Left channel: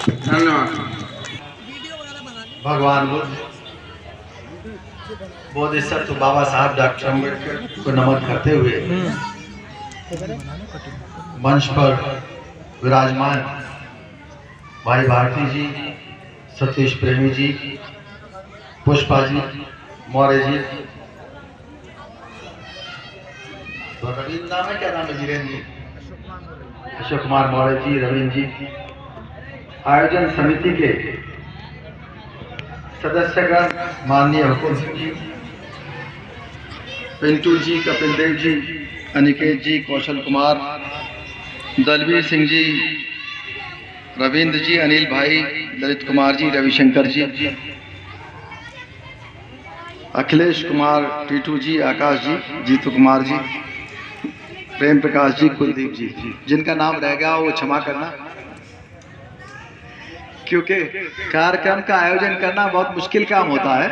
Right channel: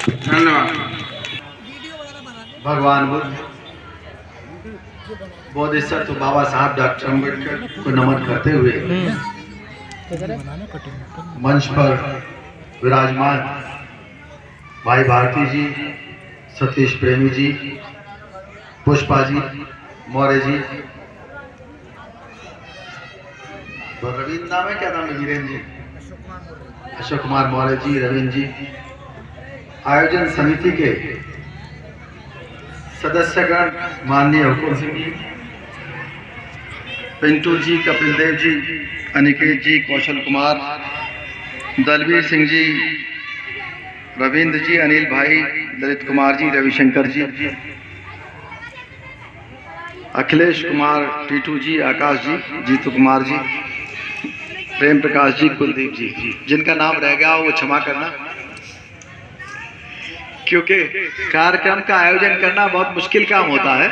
धन्यवाद। भगवान बुद्ध, बोधिसत्व बाबा साहब डॉक्टर अम्बेडकर को नमन करते हुए मंच पर विराजमान भाई भारती जी, सतीश प्रेमी जी, पुष्पा जी, मौर्य जी, रविंद्र नाम है, क्या नाम है धीरेन्द्र जी, अशोक कुमार मौर्य जी, रविंद्र जी, आयोजन समिति के सदस्यगण, माननीय हुकुम सिंह जी, पिंटू जी, कपिल देव जी, अनिकेत जी, कौशल कुमार, दलवीर सिंह जी, रविंद्र जी, अनिल भाई, ललित कुमार जी, रविशंकर जी, अखिलेश कुमार, टीटू जी, आकाश जी, जीतू कुमार जी, प्रेम प्रकाश जी, कुलदीप जी, जिनका नाम रह गया वो क्षमा करना, क्योंकि कार्यक्रम का आयोजन करना बहुत मुश्किल काम होता है।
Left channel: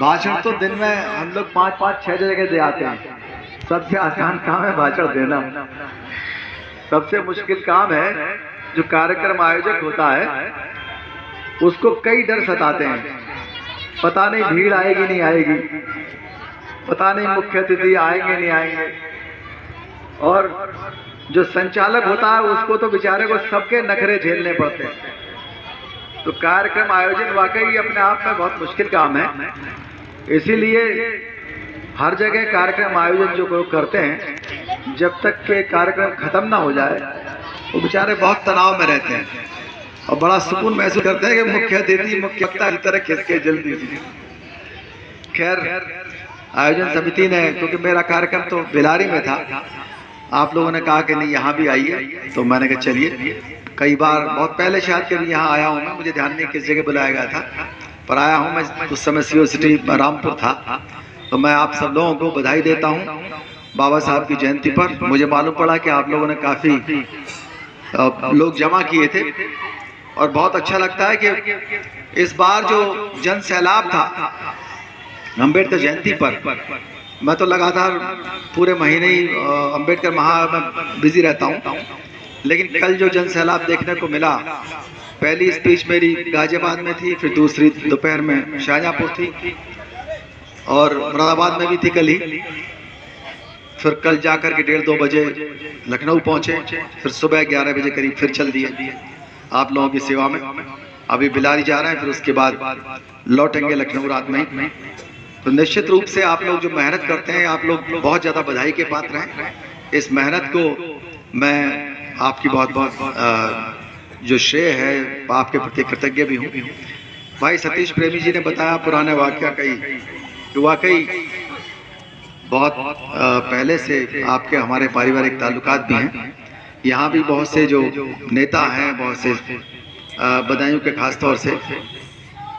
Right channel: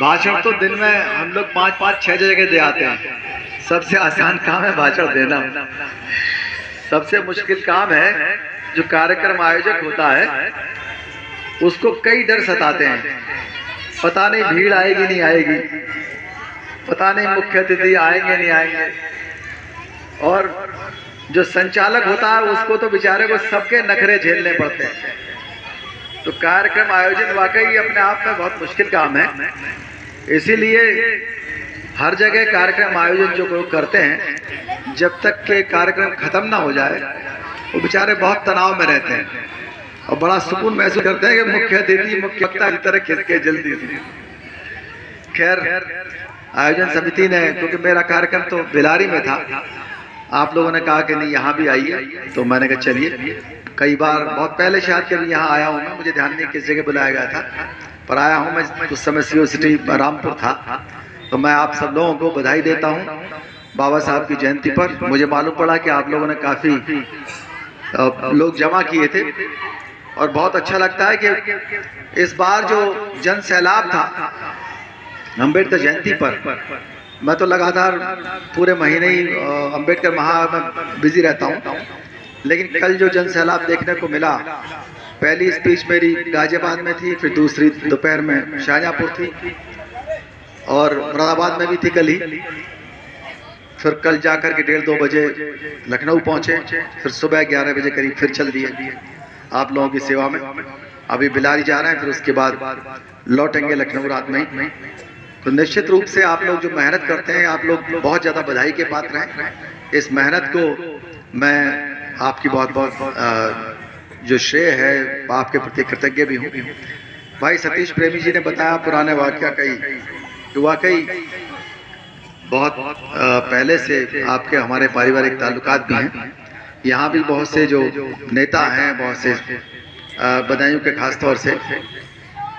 भाषण तो दिन में हम लोग 5-5-6 जगह दे आते हैं, सबसे आसान काम है भाषण देना। सबसे मुश्किल काम है जो कार्यक्रम आयोजक होता है, उसको कई डर सताते हैं। पता नहीं भीड़ आएगी नहीं आएगी, पता नहीं मुख्य अतिथि आएंगे नहीं आएंगे, और जो संचालक होता है उसको तो बेचारे को सबके नखरे झेलने पड़ते हैं। तो कार्यक्रम आयोजन वाकई अपने आप में बहुत मुश्किल काम है। इसीलिए हर जगह कार्यक्रम आयोजन जो लोग करते हैं, जब तक के कार्यक्रम खत्म ना हो जाए वो बेचारे बहुत तनाव में रहते हैं और बड़ा सुकून महसूस करते हैं कि मुख्य अतिथि मुख्य वक्ता की तरह खिसके जल्दी से। खैर, आयोजन समिति ने, क्योंकि मेरा कार्यक्रम तो बिलारी में था, आप लोगों ने कहा कि नहीं यहाँ भी आइए, तो मैंने कहा चलिए। कई बार बहुत पहले शायद कभी यहाँ आया हूँ मैं, मुझे ध्यान नहीं किस जगह बुलाया गया था, पर आया हूँ मैं। उस समय सीओ सिटी रामपुर था। तो मैं आप सब लोगों को बधाई देता हूँ बाबा साहब की जयंती पर। मुझे मालूम पड़ा कि आप लोगों ने काफ़ी लोग जमा किए थे और बहुत अच्छा लगता है कि इस बार जो जन सैलाब था अम्बेडकर जयंती पर, मैं तो लगातार पूरे महीने ही अम्बेडकर में बिजी रहता हूँ, लेकिन कल जो जन सैलाब देखने को मिला, पहली स्पीच मेरी गाजियाबाद में थी, फिर दूसरी दोपहर में शाहजहाँपुर थी और मुरादाबाद में भी थी कल ही। फिर कल जाकर के 1:30-2 बजे लखनऊ पहुँचे, फिर सुबह 11 बजे करीब फिर चल दिए आप लोगों की सेवा में। अभी बिलारी जा रहे हैं, फिर उसके बाद लौटेंगे लखनऊ रात में ही। तो निश्चित रूप से आप लोग जो मेहनत करते हैं, आप लोग बहुत ज़्यादा बधाई के पात्र हैं। इस मेहनत को मैं आपकी बहुत बहुत जो श्रेय है आपके प्रति कृतज्ञ भी हूँ। भाई सतीश प्रेमी जी ने बताया पुराने वाक़या कई, तो वाकई बहुत पहले से आपके हमारे पारिवारिक ताल्लुकात भी हैं। यहाँ भी बहुत से जो नेता हैं, बहुत से बदायूं के खास तौर से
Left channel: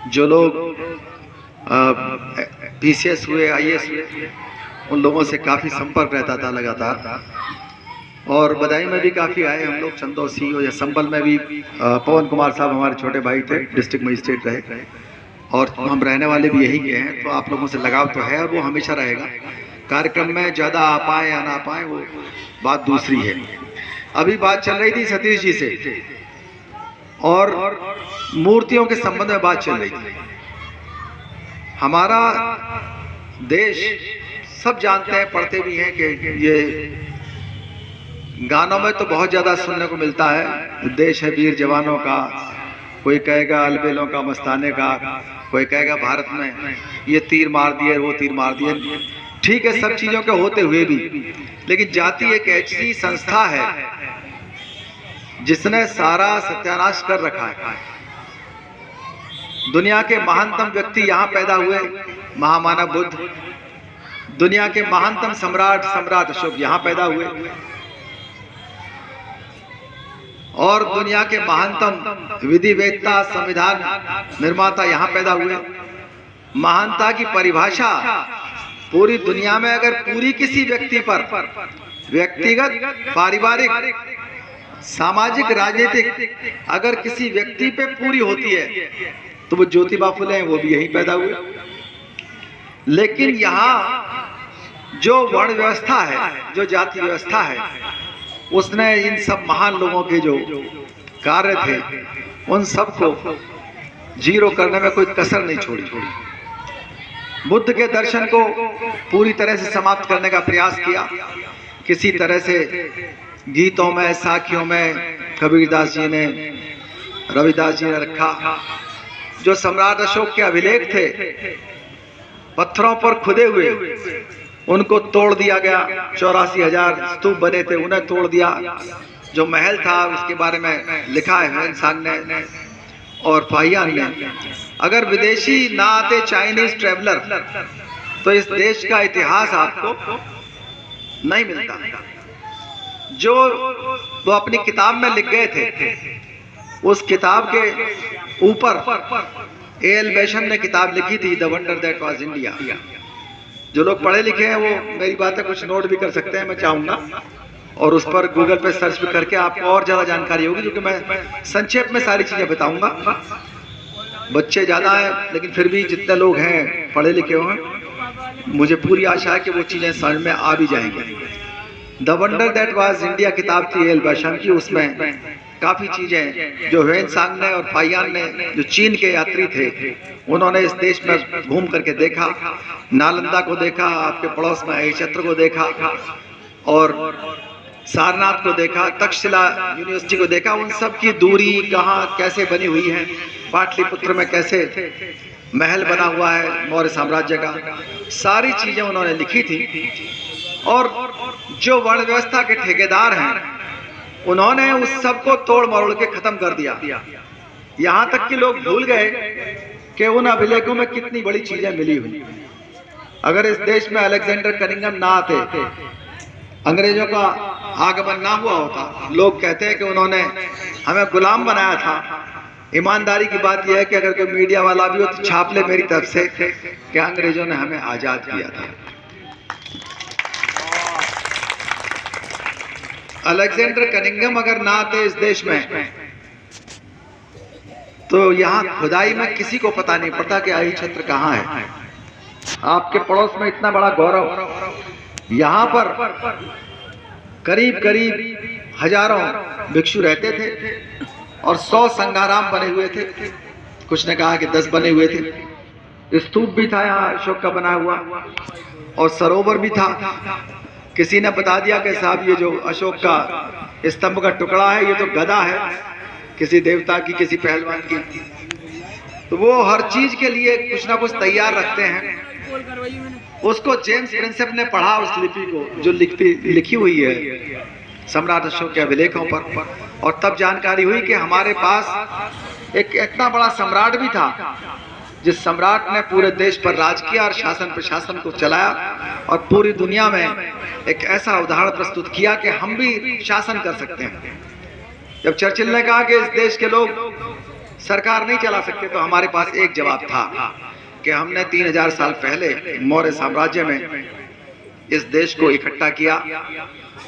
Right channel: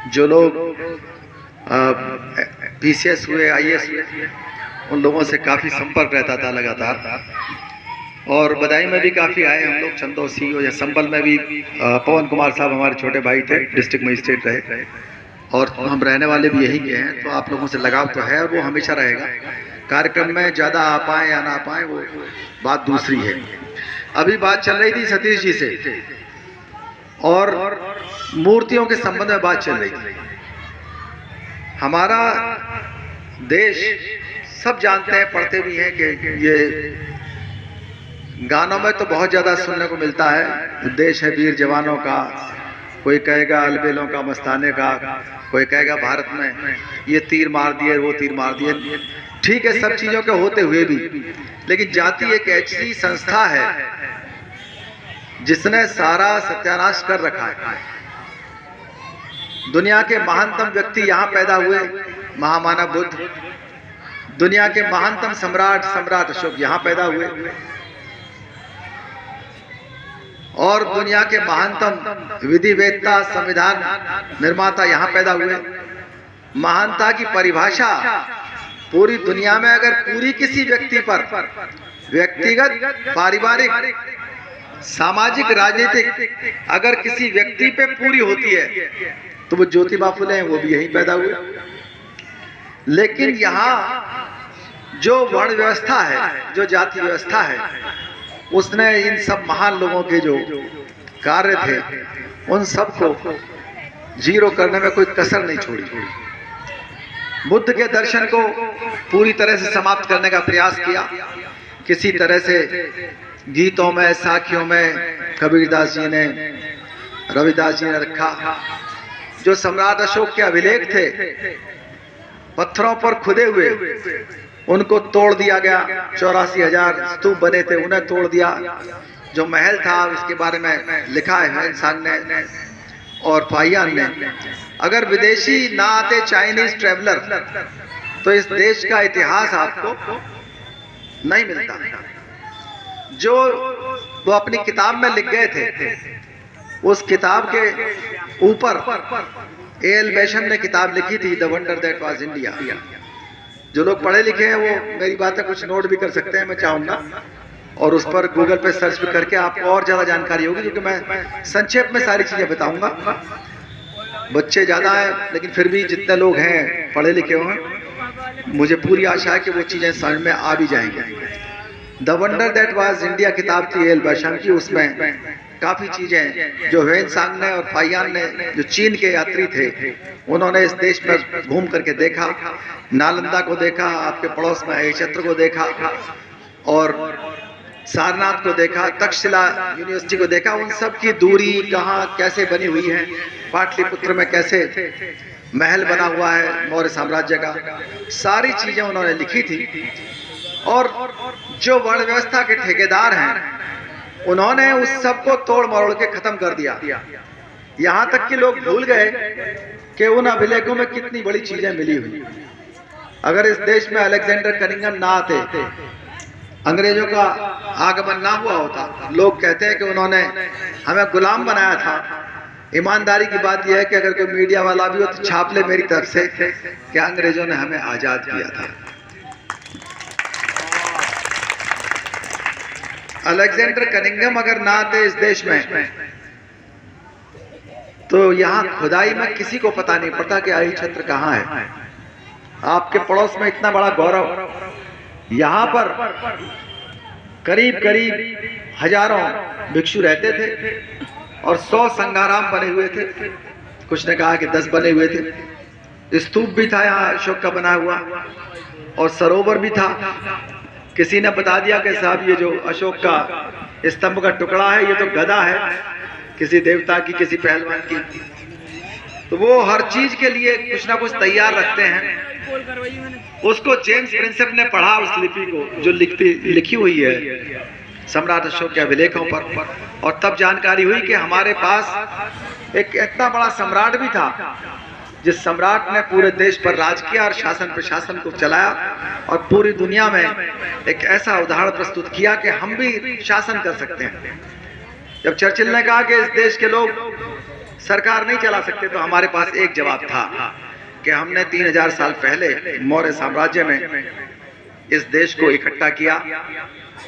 जो लोग PCS हुए, IAS हुए, उन लोगों से काफ़ी संपर्क रहता था लगातार। और बदायूं में भी काफ़ी आए हम लोग, चंदौसी या संबल में भी पवन कुमार साहब हमारे छोटे भाई थे, डिस्ट्रिक्ट मजिस्ट्रेट रहे, और हम रहने वाले भी यही के हैं। तो आप लोगों से लगाव तो है, वो हमेशा रहेगा। कार्यक्रम में ज़्यादा आ पाएँ या ना पाएँ वो बात दूसरी है। अभी बात चल रही थी सतीश जी से और मूर्तियों के संबंध में बात चल रही थी। हमारा देश सब जानते हैं, पढ़ते भी हैं कि ये गानों में तो बहुत ज़्यादा सुनने को मिलता है, देश है वीर जवानों का, कोई कहेगा अलबेलों का, मस्ताने का, कोई कहेगा भारत में ये तीर मार दिए, वो तीर मार दिए। ठीक है, सब चीज़ों के होते हुए भी, लेकिन जाति एक ऐसी संस्था है जिसने सारा सत्यानाश कर रखा है। दुनिया के महानतम व्यक्ति यहाँ पैदा हुए, महामानव बुद्ध। दुनिया के महानतम सम्राट अशोक यहाँ पैदा हुए, और दुनिया के महानतम विधिवेत्ता, संविधान निर्माता यहाँ पैदा हुए। महानता की परिभाषा पूरी दुनिया में अगर पूरी किसी व्यक्ति पर, व्यक्तिगत, पारिवारिक, सामाजिक, राजनीतिक, अगर किसी व्यक्ति पे पूरी होती है तो वो ज्योतिबा फुले हैं, वो भी यहीं पैदा हुए। लेकिन यहाँ जो वर्ण व्यवस्था है, जो जाति व्यवस्था है, उसने इन सब महान लोगों के जो कार्य थे उन सब को जीरो करने में कोई कसर नहीं छोड़ी। बुद्ध के दर्शन को पूरी तरह से समाप्त करने का प्रयास किया। किसी तरह से गीतों में, साखियों में कबीरदास जी ने, रविदास जी ने रखा। जो सम्राट अशोक के अभिलेख थे पत्थरों पर खुदे हुए, उनको तोड़ दिया गया। 84,000 स्तूप बने थे, उन्हें तोड़ दिया। जो महल था इसके बारे में लिखा है इंसान ने और पाहियान ने। अगर विदेशी ना आते, चाइनीज ट्रेवलर, तो इस देश का इतिहास आपको नहीं मिलता। जो वो अपनी किताब में लिख गए थे, उस किताब के ऊपर ए.एल. बैशन ने किताब लिखी थी, the wonder that was India. जो लोग पढ़े लिखे हैं वो मेरी बातें कुछ नोट भी कर सकते हैं, मैं चाहूँगा, और उस पर गूगल पे सर्च भी करके आपको और ज़्यादा जानकारी होगी, क्योंकि मैं संक्षेप में सारी चीज़ें बताऊँगा। बच्चे ज़्यादा हैं, लेकिन फिर भी जितने लोग हैं पढ़े लिखे हुए हैं, मुझे पूरी आशा है कि वो चीज़ें समझ में आ भी जाएंगी। The wonder that was India किताब थी ए.एल. बैशन की। उसमें काफ़ी चीज़ें जो ह्वेनसांग ने और पाहियान ने, जो चीन के यात्री थे, उन्होंने इस देश में घूम करके देखा। नालंदा को देखा, आपके पड़ोस में अहिच्छत्र को देखा, और सारनाथ को देखा, तक्षशिला यूनिवर्सिटी को देखा। उन सब की दूरी कहाँ कैसे बनी हुई है, पाटलिपुत्र में कैसे महल बना हुआ है मौर्य साम्राज्य का, सारी चीज़ें उन्होंने लिखी थी। और जो वर्ण व्यवस्था के ठेकेदार हैं, उन्होंने उस सब को तोड़ मरोड़ के खत्म कर दिया। यहाँ तक कि लोग भूल गए कि उन अभिलेखों में कितनी बड़ी चीजें मिली हुई। अगर इस देश में अलेक्जेंडर कनिंघम ना आते, अंग्रेजों का आगमन ना हुआ होता, लोग कहते हैं कि उन्होंने हमें गुलाम बनाया था। ईमानदारी की बात यह है कि अगर कोई मीडिया वाला भी हो तो छाप ले मेरी तरफ से कि अंग्रेजों ने हमें आजाद किया था। अलेक्जेंडर कनिंघम अगर ना आते इस देश में, तो यहाँ खुदाई में किसी को पता नहीं पड़ता कि अहिच्छत्र कहाँ है। आपके पड़ोस में इतना बड़ा गौरव, यहाँ पर करीब करीब हजारों भिक्षु रहते थे और 100 संघाराम बने हुए थे। कुछ ने कहा कि 10 बने हुए थे। स्तूप भी था यहाँ अशोक का बना हुआ, और सरोवर भी था। किसी ने बता दिया कि साहब ये जो अशोक का स्तंभ का टुकड़ा है, ये तो गदा है किसी देवता की, किसी पहलवान की। तो वो हर चीज के लिए कुछ ना कुछ तैयार रखते हैं। उसको जेम्स प्रिंसेप ने पढ़ा, उस लिपि को जो लिखी हुई है सम्राट अशोक के अभिलेखों पर, और तब जानकारी हुई कि हमारे पास एक इतना बड़ा सम्राट भी था, जिस सम्राट ने पूरे देश पर राज किया और शासन प्रशासन को चलाया, और पूरी दुनिया में एक ऐसा उदाहरण प्रस्तुत किया कि हम भी शासन कर सकते हैं। जब चर्चिल ने कहा कि इस देश के लोग सरकार नहीं चला सकते, तो हमारे पास एक जवाब था कि हमने 3000 साल पहले मौर्य साम्राज्य में इस देश को इकट्ठा किया,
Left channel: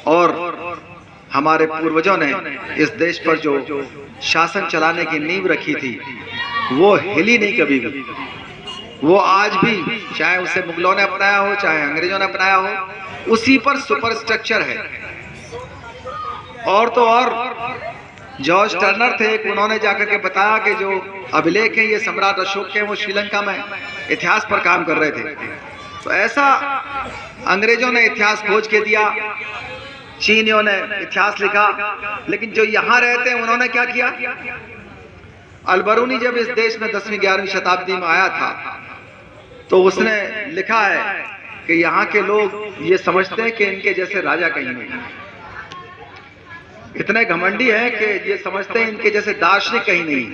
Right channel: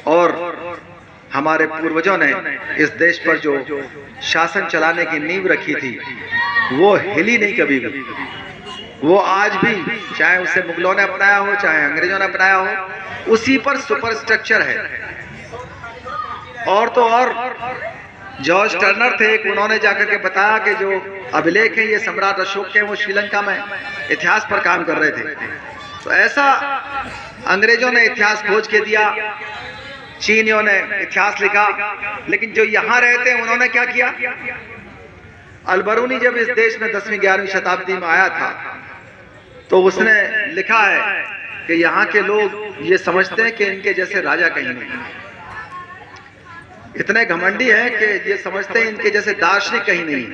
और हमारे पूर्वजों ने इस देश पर जो शासन चलाने की नींव रखी थी वो हिली नहीं कभी भी। वो आज भी, चाहे उसे मुगलों ने अपनाया हो, चाहे अंग्रेजों ने अपनाया हो, उसी पर सुपर स्ट्रक्चर है। और तो और जॉर्ज टर्नर थे, उन्होंने जाकर के बताया कि जो अभिलेख है ये सम्राट अशोक के, वो श्रीलंका में इतिहास पर काम कर रहे थे। तो ऐसा अंग्रेजों ने इतिहास खोज के दिया, चीनियों ने इतिहास लिखा, लेकिन जो यहाँ रहते हैं उन्होंने क्या किया। अलबरूनी जब इस देश में 10वीं-11वीं शताब्दी में आया था, तो उसने लिखा है कि यहाँ के लोग ये समझते हैं कि इनके जैसे राजा कहीं नहीं। इतने घमंडी हैं कि ये समझते हैं इनके जैसे दार्शनिक कहीं नहीं,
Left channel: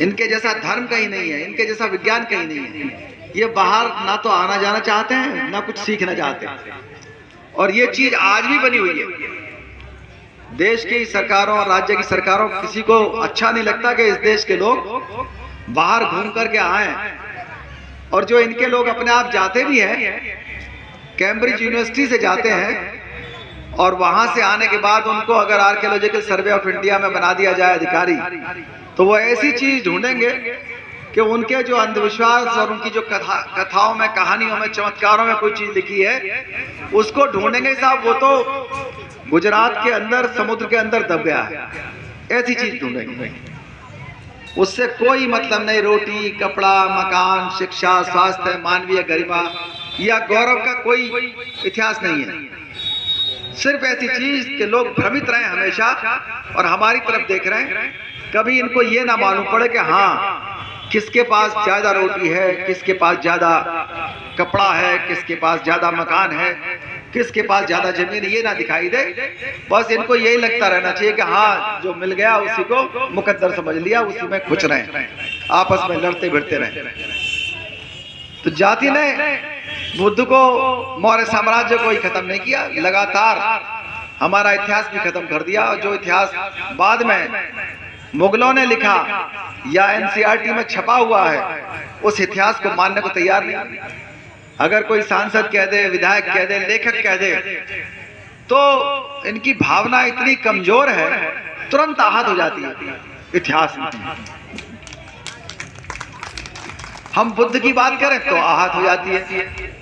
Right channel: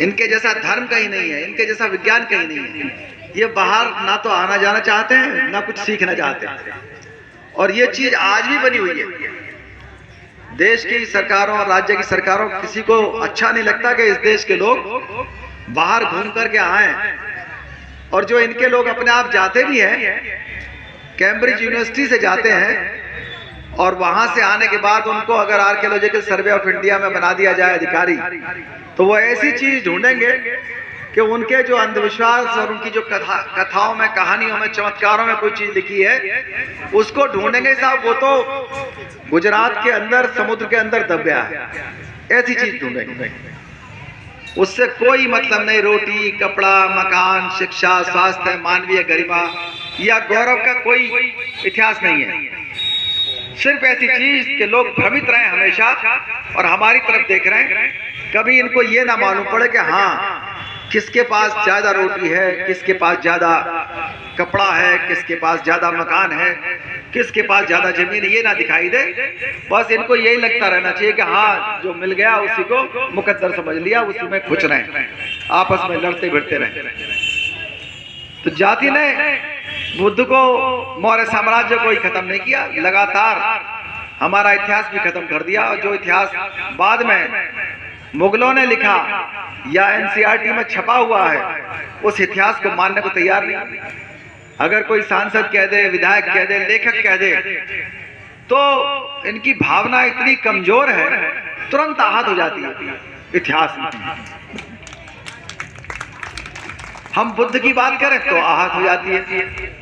इनके जैसा धर्म कहीं नहीं है, इनके जैसा विज्ञान कहीं नहीं है। ये बाहर ना तो आना जाना चाहते हैं, ना कुछ सीखना चाहते हैं। और ये चीज आज भी बनी हुई है। देश की सरकारों और राज्य की सरकारों, किसी को अच्छा नहीं लगता कि इस देश के लोग बाहर घूम करके आए। और जो इनके लोग अपने आप जाते भी हैं, कैम्ब्रिज यूनिवर्सिटी से जाते हैं, और वहां से आने के बाद उनको अगर आर्कियोलॉजिकल सर्वे ऑफ इंडिया में बना दिया जाए अधिकारी, तो वो ऐसी चीज ढूंढेंगे कि उनके जो अंधविश्वास और उनकी जो कथाओं में, कहानियों में, चमत्कारों में कोई चीज लिखी है उसको ढूंढेंगे साहब, वो तो गुजरात के अंदर समुद्र के अंदर दब गया है, ऐसी चीज ढूंढेंगे। उससे कोई मतलब नहीं, रोटी, कपड़ा, मकान, शिक्षा, स्वास्थ्य, मानवीय गरिमा या गौरव का कोई इतिहास नहीं है। सिर्फ ऐसी चीज कि लोग भ्रमित रहे हमेशा और हमारी तरफ देख रहे हैं, कभी इनको ये ना मालूम पड़े कि हाँ किसके पास ज्यादा रोटी है, किसके पास ज्यादा कपड़ा है, किसके पास ज्यादा मकान है, किसके पास ज्यादा जमीन, ये ना दिखाई दे। बस इनको यही लगता रहना चाहिए कि हाँ जो मिल गया उसी को मुकद्दर समझ लिया, उसी में खुश रहे, आपस में लड़ते भिड़ते रहे। तो जाति ने बुद्ध को, मौर्य साम्राज्य को ही खत्म नहीं किया, लगातार हमारा इतिहास भी खत्म कर दिया। और जो इतिहास बाद में मुगलों ने लिखा या एनसीईआरटी में छपा हुआ है, उस इतिहास को मानने को तैयार नहीं। अगर कोई सांसद कह दे, विधायक कह दे, लेखक कह दे, तो इनकी भावना इतनी कमजोर है, तुरंत आहत हो जाती है इतिहास में। हम बुद्ध की बात करें तो आहत हो जाती है,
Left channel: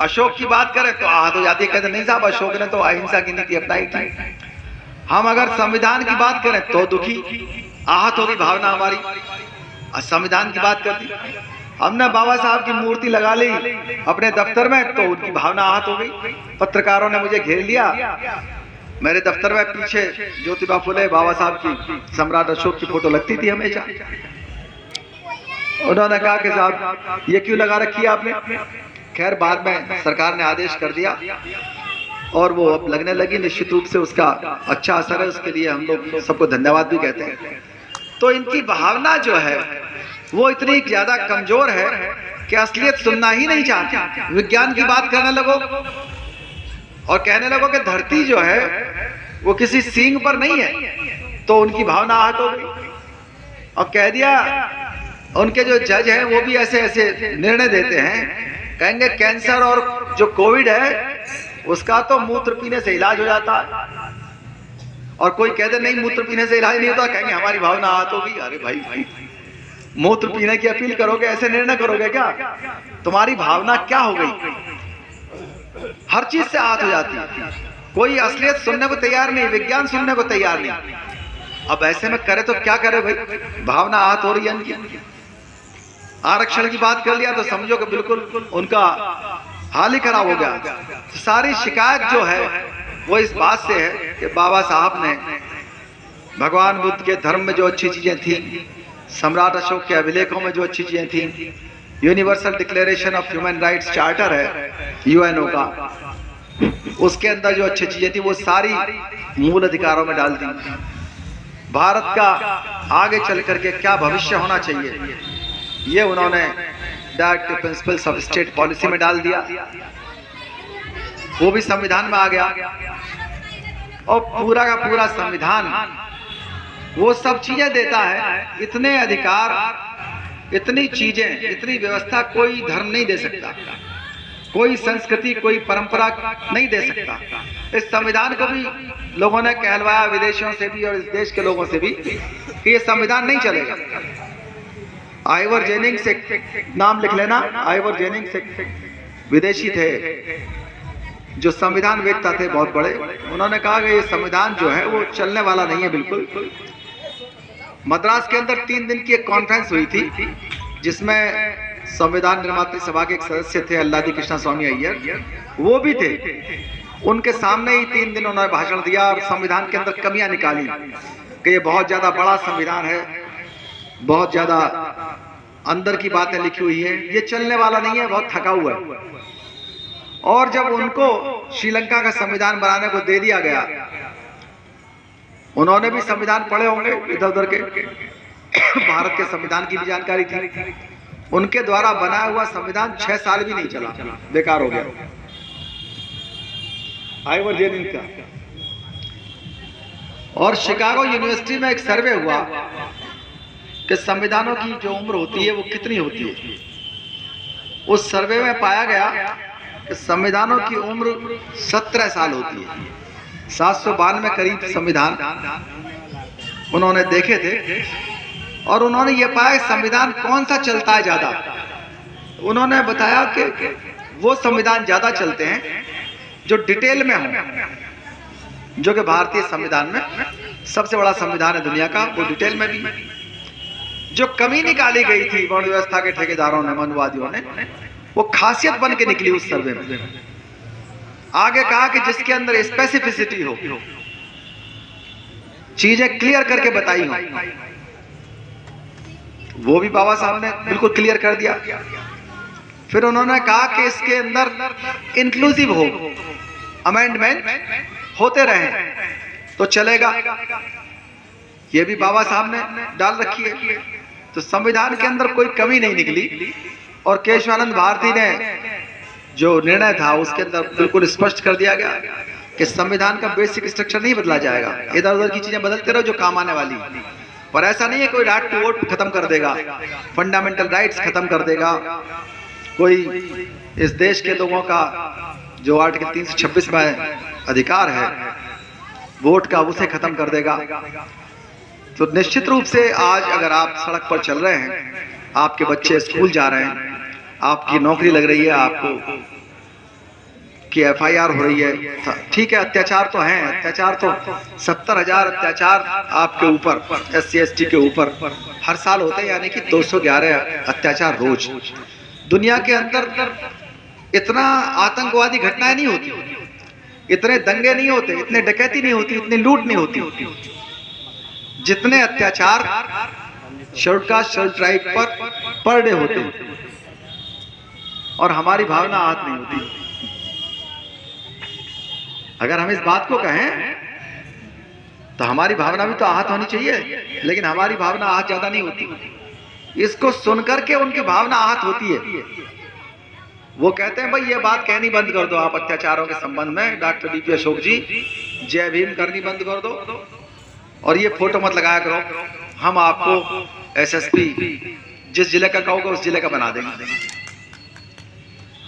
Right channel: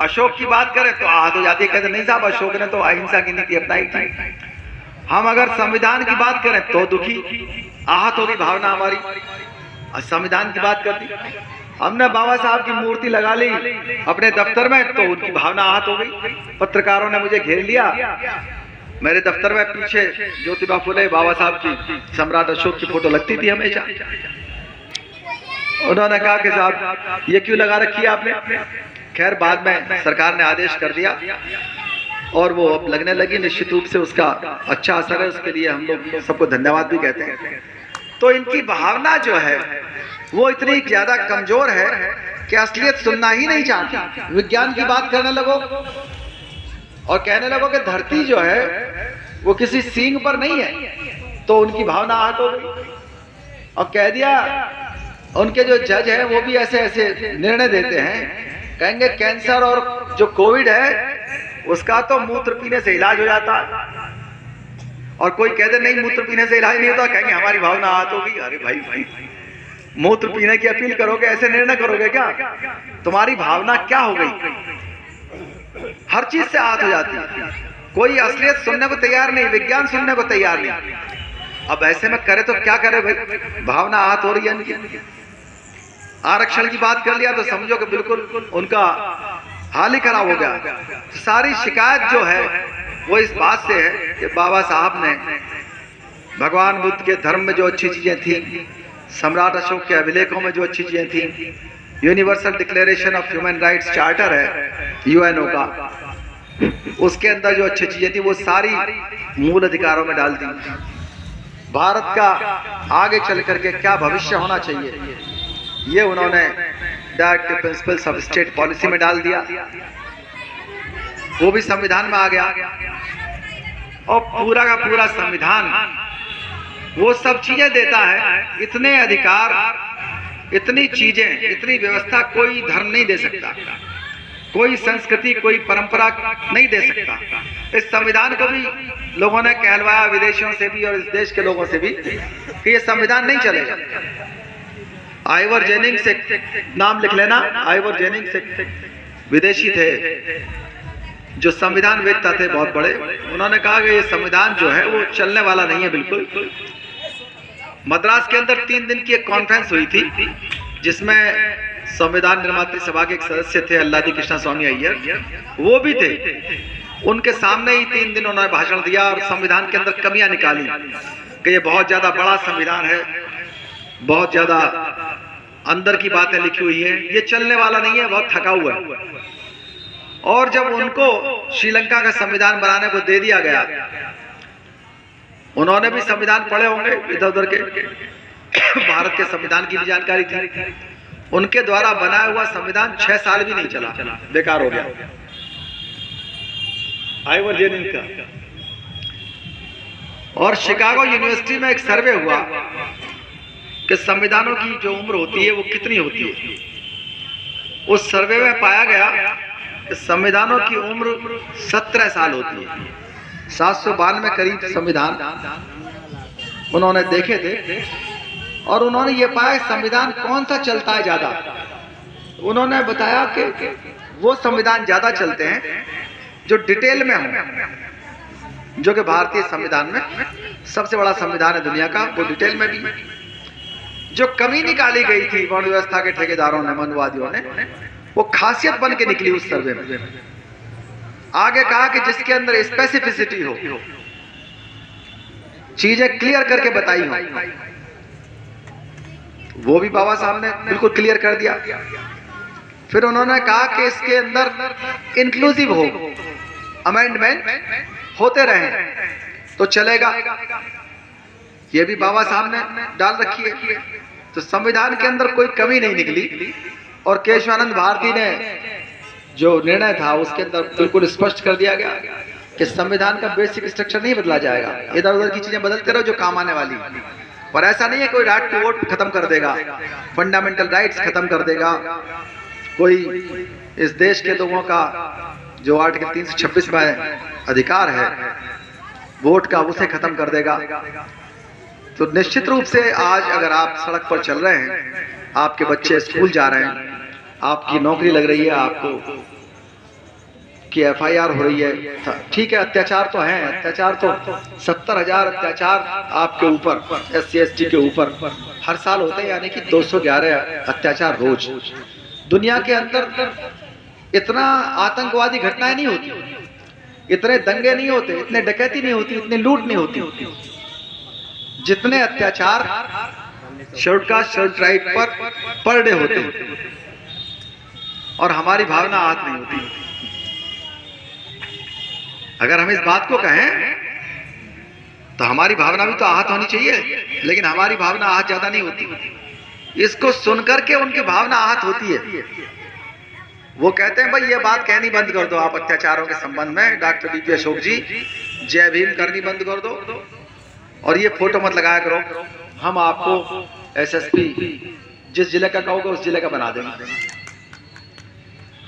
अशोक की बात करें तो आहत हो जाती है, कहते नहीं साहब अशोक ने तो अहिंसा की नीति अपनाई थी। हम अगर संविधान की बात करें तो दुखी, आहत होगी भावना हमारी। संविधान की बात कर दी, हमने बाबा साहब की मूर्ति लगा ली अपने दफ्तर में तो उनकी भावना आहत हो गई। पत्रकारों ने मुझे घेर लिया, मेरे दफ्तर में पीछे ज्योतिबा फुले, बाबा साहब की, सम्राट अशोक की फोटो लगती थी हमेशा। उन्होंने कहा कि साहब ये क्यों लगा रखी है आपने? खैर बाद में सरकार ने आदेश कर दिया और वो अब लगने लगी। निश्चित रूप से उसका अच्छा असर है, उसके लिए हम लोग सबको धन्यवाद भी कहते हैं। तो इनकी भावना जो है वो इतनी ज्यादा कमजोर है कि असलियत सुनना ही नहीं चाहती। विज्ञान की बात करने लगो और कहने लगो कि धरती जो है वो किसी सींग पर नहीं है, तो उनकी भावना आहत हो गई। और कह दिया, उनके जो जज हैं वो भी ऐसे ऐसे निर्णय देते हैं, कहेंगे कैंसर और जो कोविड है उसका तो मूत्र पीने से इलाज हो जाता, और कोई कहते नहीं मूत्र पीने से इलाज नहीं होता, कहेंगे हमारी भावना आहत होगी। अरे भाई मूत्र पीने की अपील करोगे, ऐसे निर्णय करोगे क्या? तुम्हारी भावना क्या हो गई? हर चीज से आहत हो जाती है, कोई असलियत सुनने को तैयार नहीं, विज्ञान सुनने को तैयार नहीं। अब ऐसे में करे तो क्या करे भाई, भावना आहत हो रही है इनकी। आरक्षण की बात कर लिया तो समझो कि बिल्कुल उनका हाल ही खराब हो गया। तो सारी शिकायत जो है वो इस बात से है कि बाबा साहब ने भगवान बुद्ध के धर्म में जो अच्छी चीजें थी, सम्राट अशोक के अभिलेखों में जो अच्छी चीजें थी, universal declaration of human rights charter है यूएनओ का, उसके अंदर जो अच्छी चीजें थी वो सारी मूल अधिकारों में डाल दी। भारत का आगे चल करके क्या भविष्य होना चाहिए ये उन्होंने directive principles of state policy में डाल दिया, वो भी संविधान में आ गया। और पूरा का पूरा संविधान वो सब चीजें देता है, इतने अधिकार, इतनी चीजें, इतनी व्यवस्था कोई धर्म नहीं दे सकता, कोई संस्कृति, कोई परंपरा नहीं दे सकता। इस संविधान को भी लोगों ने कहलवाया, विदेशियों से भी और इस देश के लोगों से भी, कि ये संविधान नहीं चलेगा। आइवर जेनिंग्स एक नाम लिख लेना, आइवर जेनिंग्स एक विदेशी थे जो संविधान वेदता थे बहुत बड़े। उन्होंने कहा कि ये संविधान जो है वो चलने वाला नहीं है बिल्कुल। मद्रास के अंदर 3 दिन की एक कॉन्फ्रेंस हुई थी जिसमें संविधान निर्मात्री सभा के एक सदस्य थे अल्लादी कृष्णा स्वामी अय्यर, वो भी थे। उनके सामने ही 3 दिन उन्होंने भाषण दिया और संविधान के अंदर कमियां निकाली कि ये बहुत ज्यादा बड़ा संविधान है, बहुत ज्यादा अंदर की बातें लिखी हुई है, ये चलने वाला नहीं है, बहुत थका हुआ है। और जब उनको श्रीलंका का संविधान बनाने को दे दिया गया, उन्होंने भी संविधान पढ़े होंगे इधर उधर के, भारत के संविधान की भी जानकारी थी। उनके द्वारा बनाया हुआ संविधान 6 साल भी नहीं चला, बेकार हो गया। आइवर जेनिंग्स का। और शिकागो यूनिवर्सिटी में एक सर्वे हुआ कि संविधानों की जो उम्र होती है वो कितनी होती है। उस सर्वे में पाया गया कि संविधानों की उम्र 17 साल होती है। 792 करीब संविधान उन्होंने देखे थे और उन्होंने ये पाया संविधान कौन सा चलता है ज्यादा। उन्होंने बताया कि वो संविधान ज्यादा चलते हैं जो डिटेल में हो, जो कि भारतीय संविधान में सबसे बड़ा संविधान है दुनिया का, वो डिटेल में भी। जो कमी निकाली गई थी वर्ण व्यवस्था के ठेकेदारों ने, मनुवादियों ने, वो खासियत बन के निकली उस सर्वे में। आगे कहा कि जिसके अंदर स्पेसिफिसिटी हो, चीजें क्लियर करके बताई हो, वो भी बाबा साहब ने बिल्कुल क्लियर कर दिया। फिर उन्होंने कहा कि इसके अंदर इंक्लूसिव हो, अमेंडमेंट होते रहे तो चलेगा, ये भी बाबा साहब ने डाल रखी है। तो संविधान के अंदर कोई कमी नहीं निकली और केशवानंद भारती ने जो निर्णय था उसके अंदर बिल्कुल स्पष्ट कर दिया गया कि संविधान का बेसिक स्ट्रक्चर नहीं बदला जाएगा, इधर उधर की चीजें बदलते रहो जो काम आने वाली। पर ऐसा नहीं है कोई राइट टू वोट खत्म कर देगा, फंडामेंटल राइट्स खत्म कर देगा, कोई इस देश के लोगों का जो आर्टिकल 326 में अधिकार है वोट का, उसे खत्म कर देगा। तो निश्चित रूप से आज अगर आप सड़क पर चल रहे हैं, आपके बच्चे स्कूल जा रहे हैं, आपकी नौकरी लग रही है, आपको की FIR हो रही है, ठीक है, अत्याचार तो है, अत्याचार तो 70,000 अत्याचार आपके ऊपर, SC ST के ऊपर हर साल होते हैं, यानी कि 211 अत्याचार रोज। दुनिया के अंदर इतना आतंकवादी घटनाएं नहीं होती, इतने दंगे नहीं होते, इतने डकैती नहीं होती, इतनी लूट नहीं होती, जितने अत्याचार schedule caste schedule tribe per day होते हैं। और हमारी भावना आहत नहीं होती। अगर हम इस बात को कहें तो हमारी भावना भी तो आहत होनी चाहिए, लेकिन हमारी भावना आहत ज्यादा नहीं होती। इसको सुनकर के उनकी भावना आहत होती है। वो कहते हैं भाई ये बात कहनी बंद कर दो आप अत्याचारों के संबंध में, डॉक्टर BP अशोक जी, जय भीम करनी बंद कर दो और ये फोटो मत लगाया करो, हम आपको SSP जिस जिले का कहोगे उस जिले का बना देंगे।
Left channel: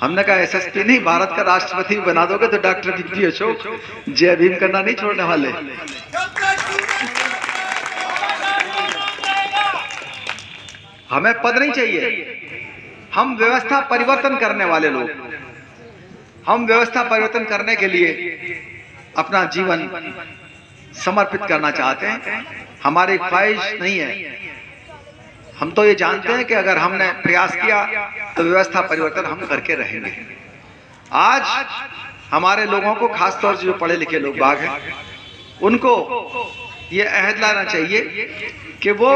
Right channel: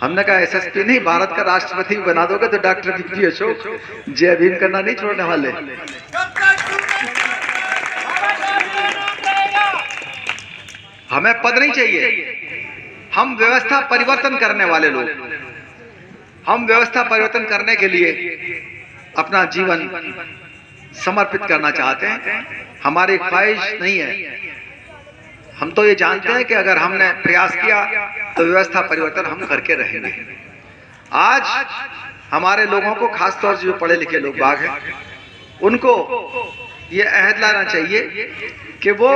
हमने कहा SSP नहीं, भारत का राष्ट्रपति बना दोगे तो डॉक्टर BP अशोक जय भीम करना नहीं छोड़ने वाले। हमें पद नहीं चाहिए, हम व्यवस्था परिवर्तन करने वाले लोग। हम व्यवस्था परिवर्तन करने के लिए अपना जीवन समर्पित करना चाहते हैं, हमारी ख्वाहिश नहीं है। हम तो ये जानते हैं कि अगर हमने प्रयास किया तो व्यवस्था परिवर्तन हम करके रहेंगे। आज हमारे लोगों को, खासतौर से जो पढ़े लिखे लोग बाग हैं, उनको ये अहद लाना चाहिए कि वो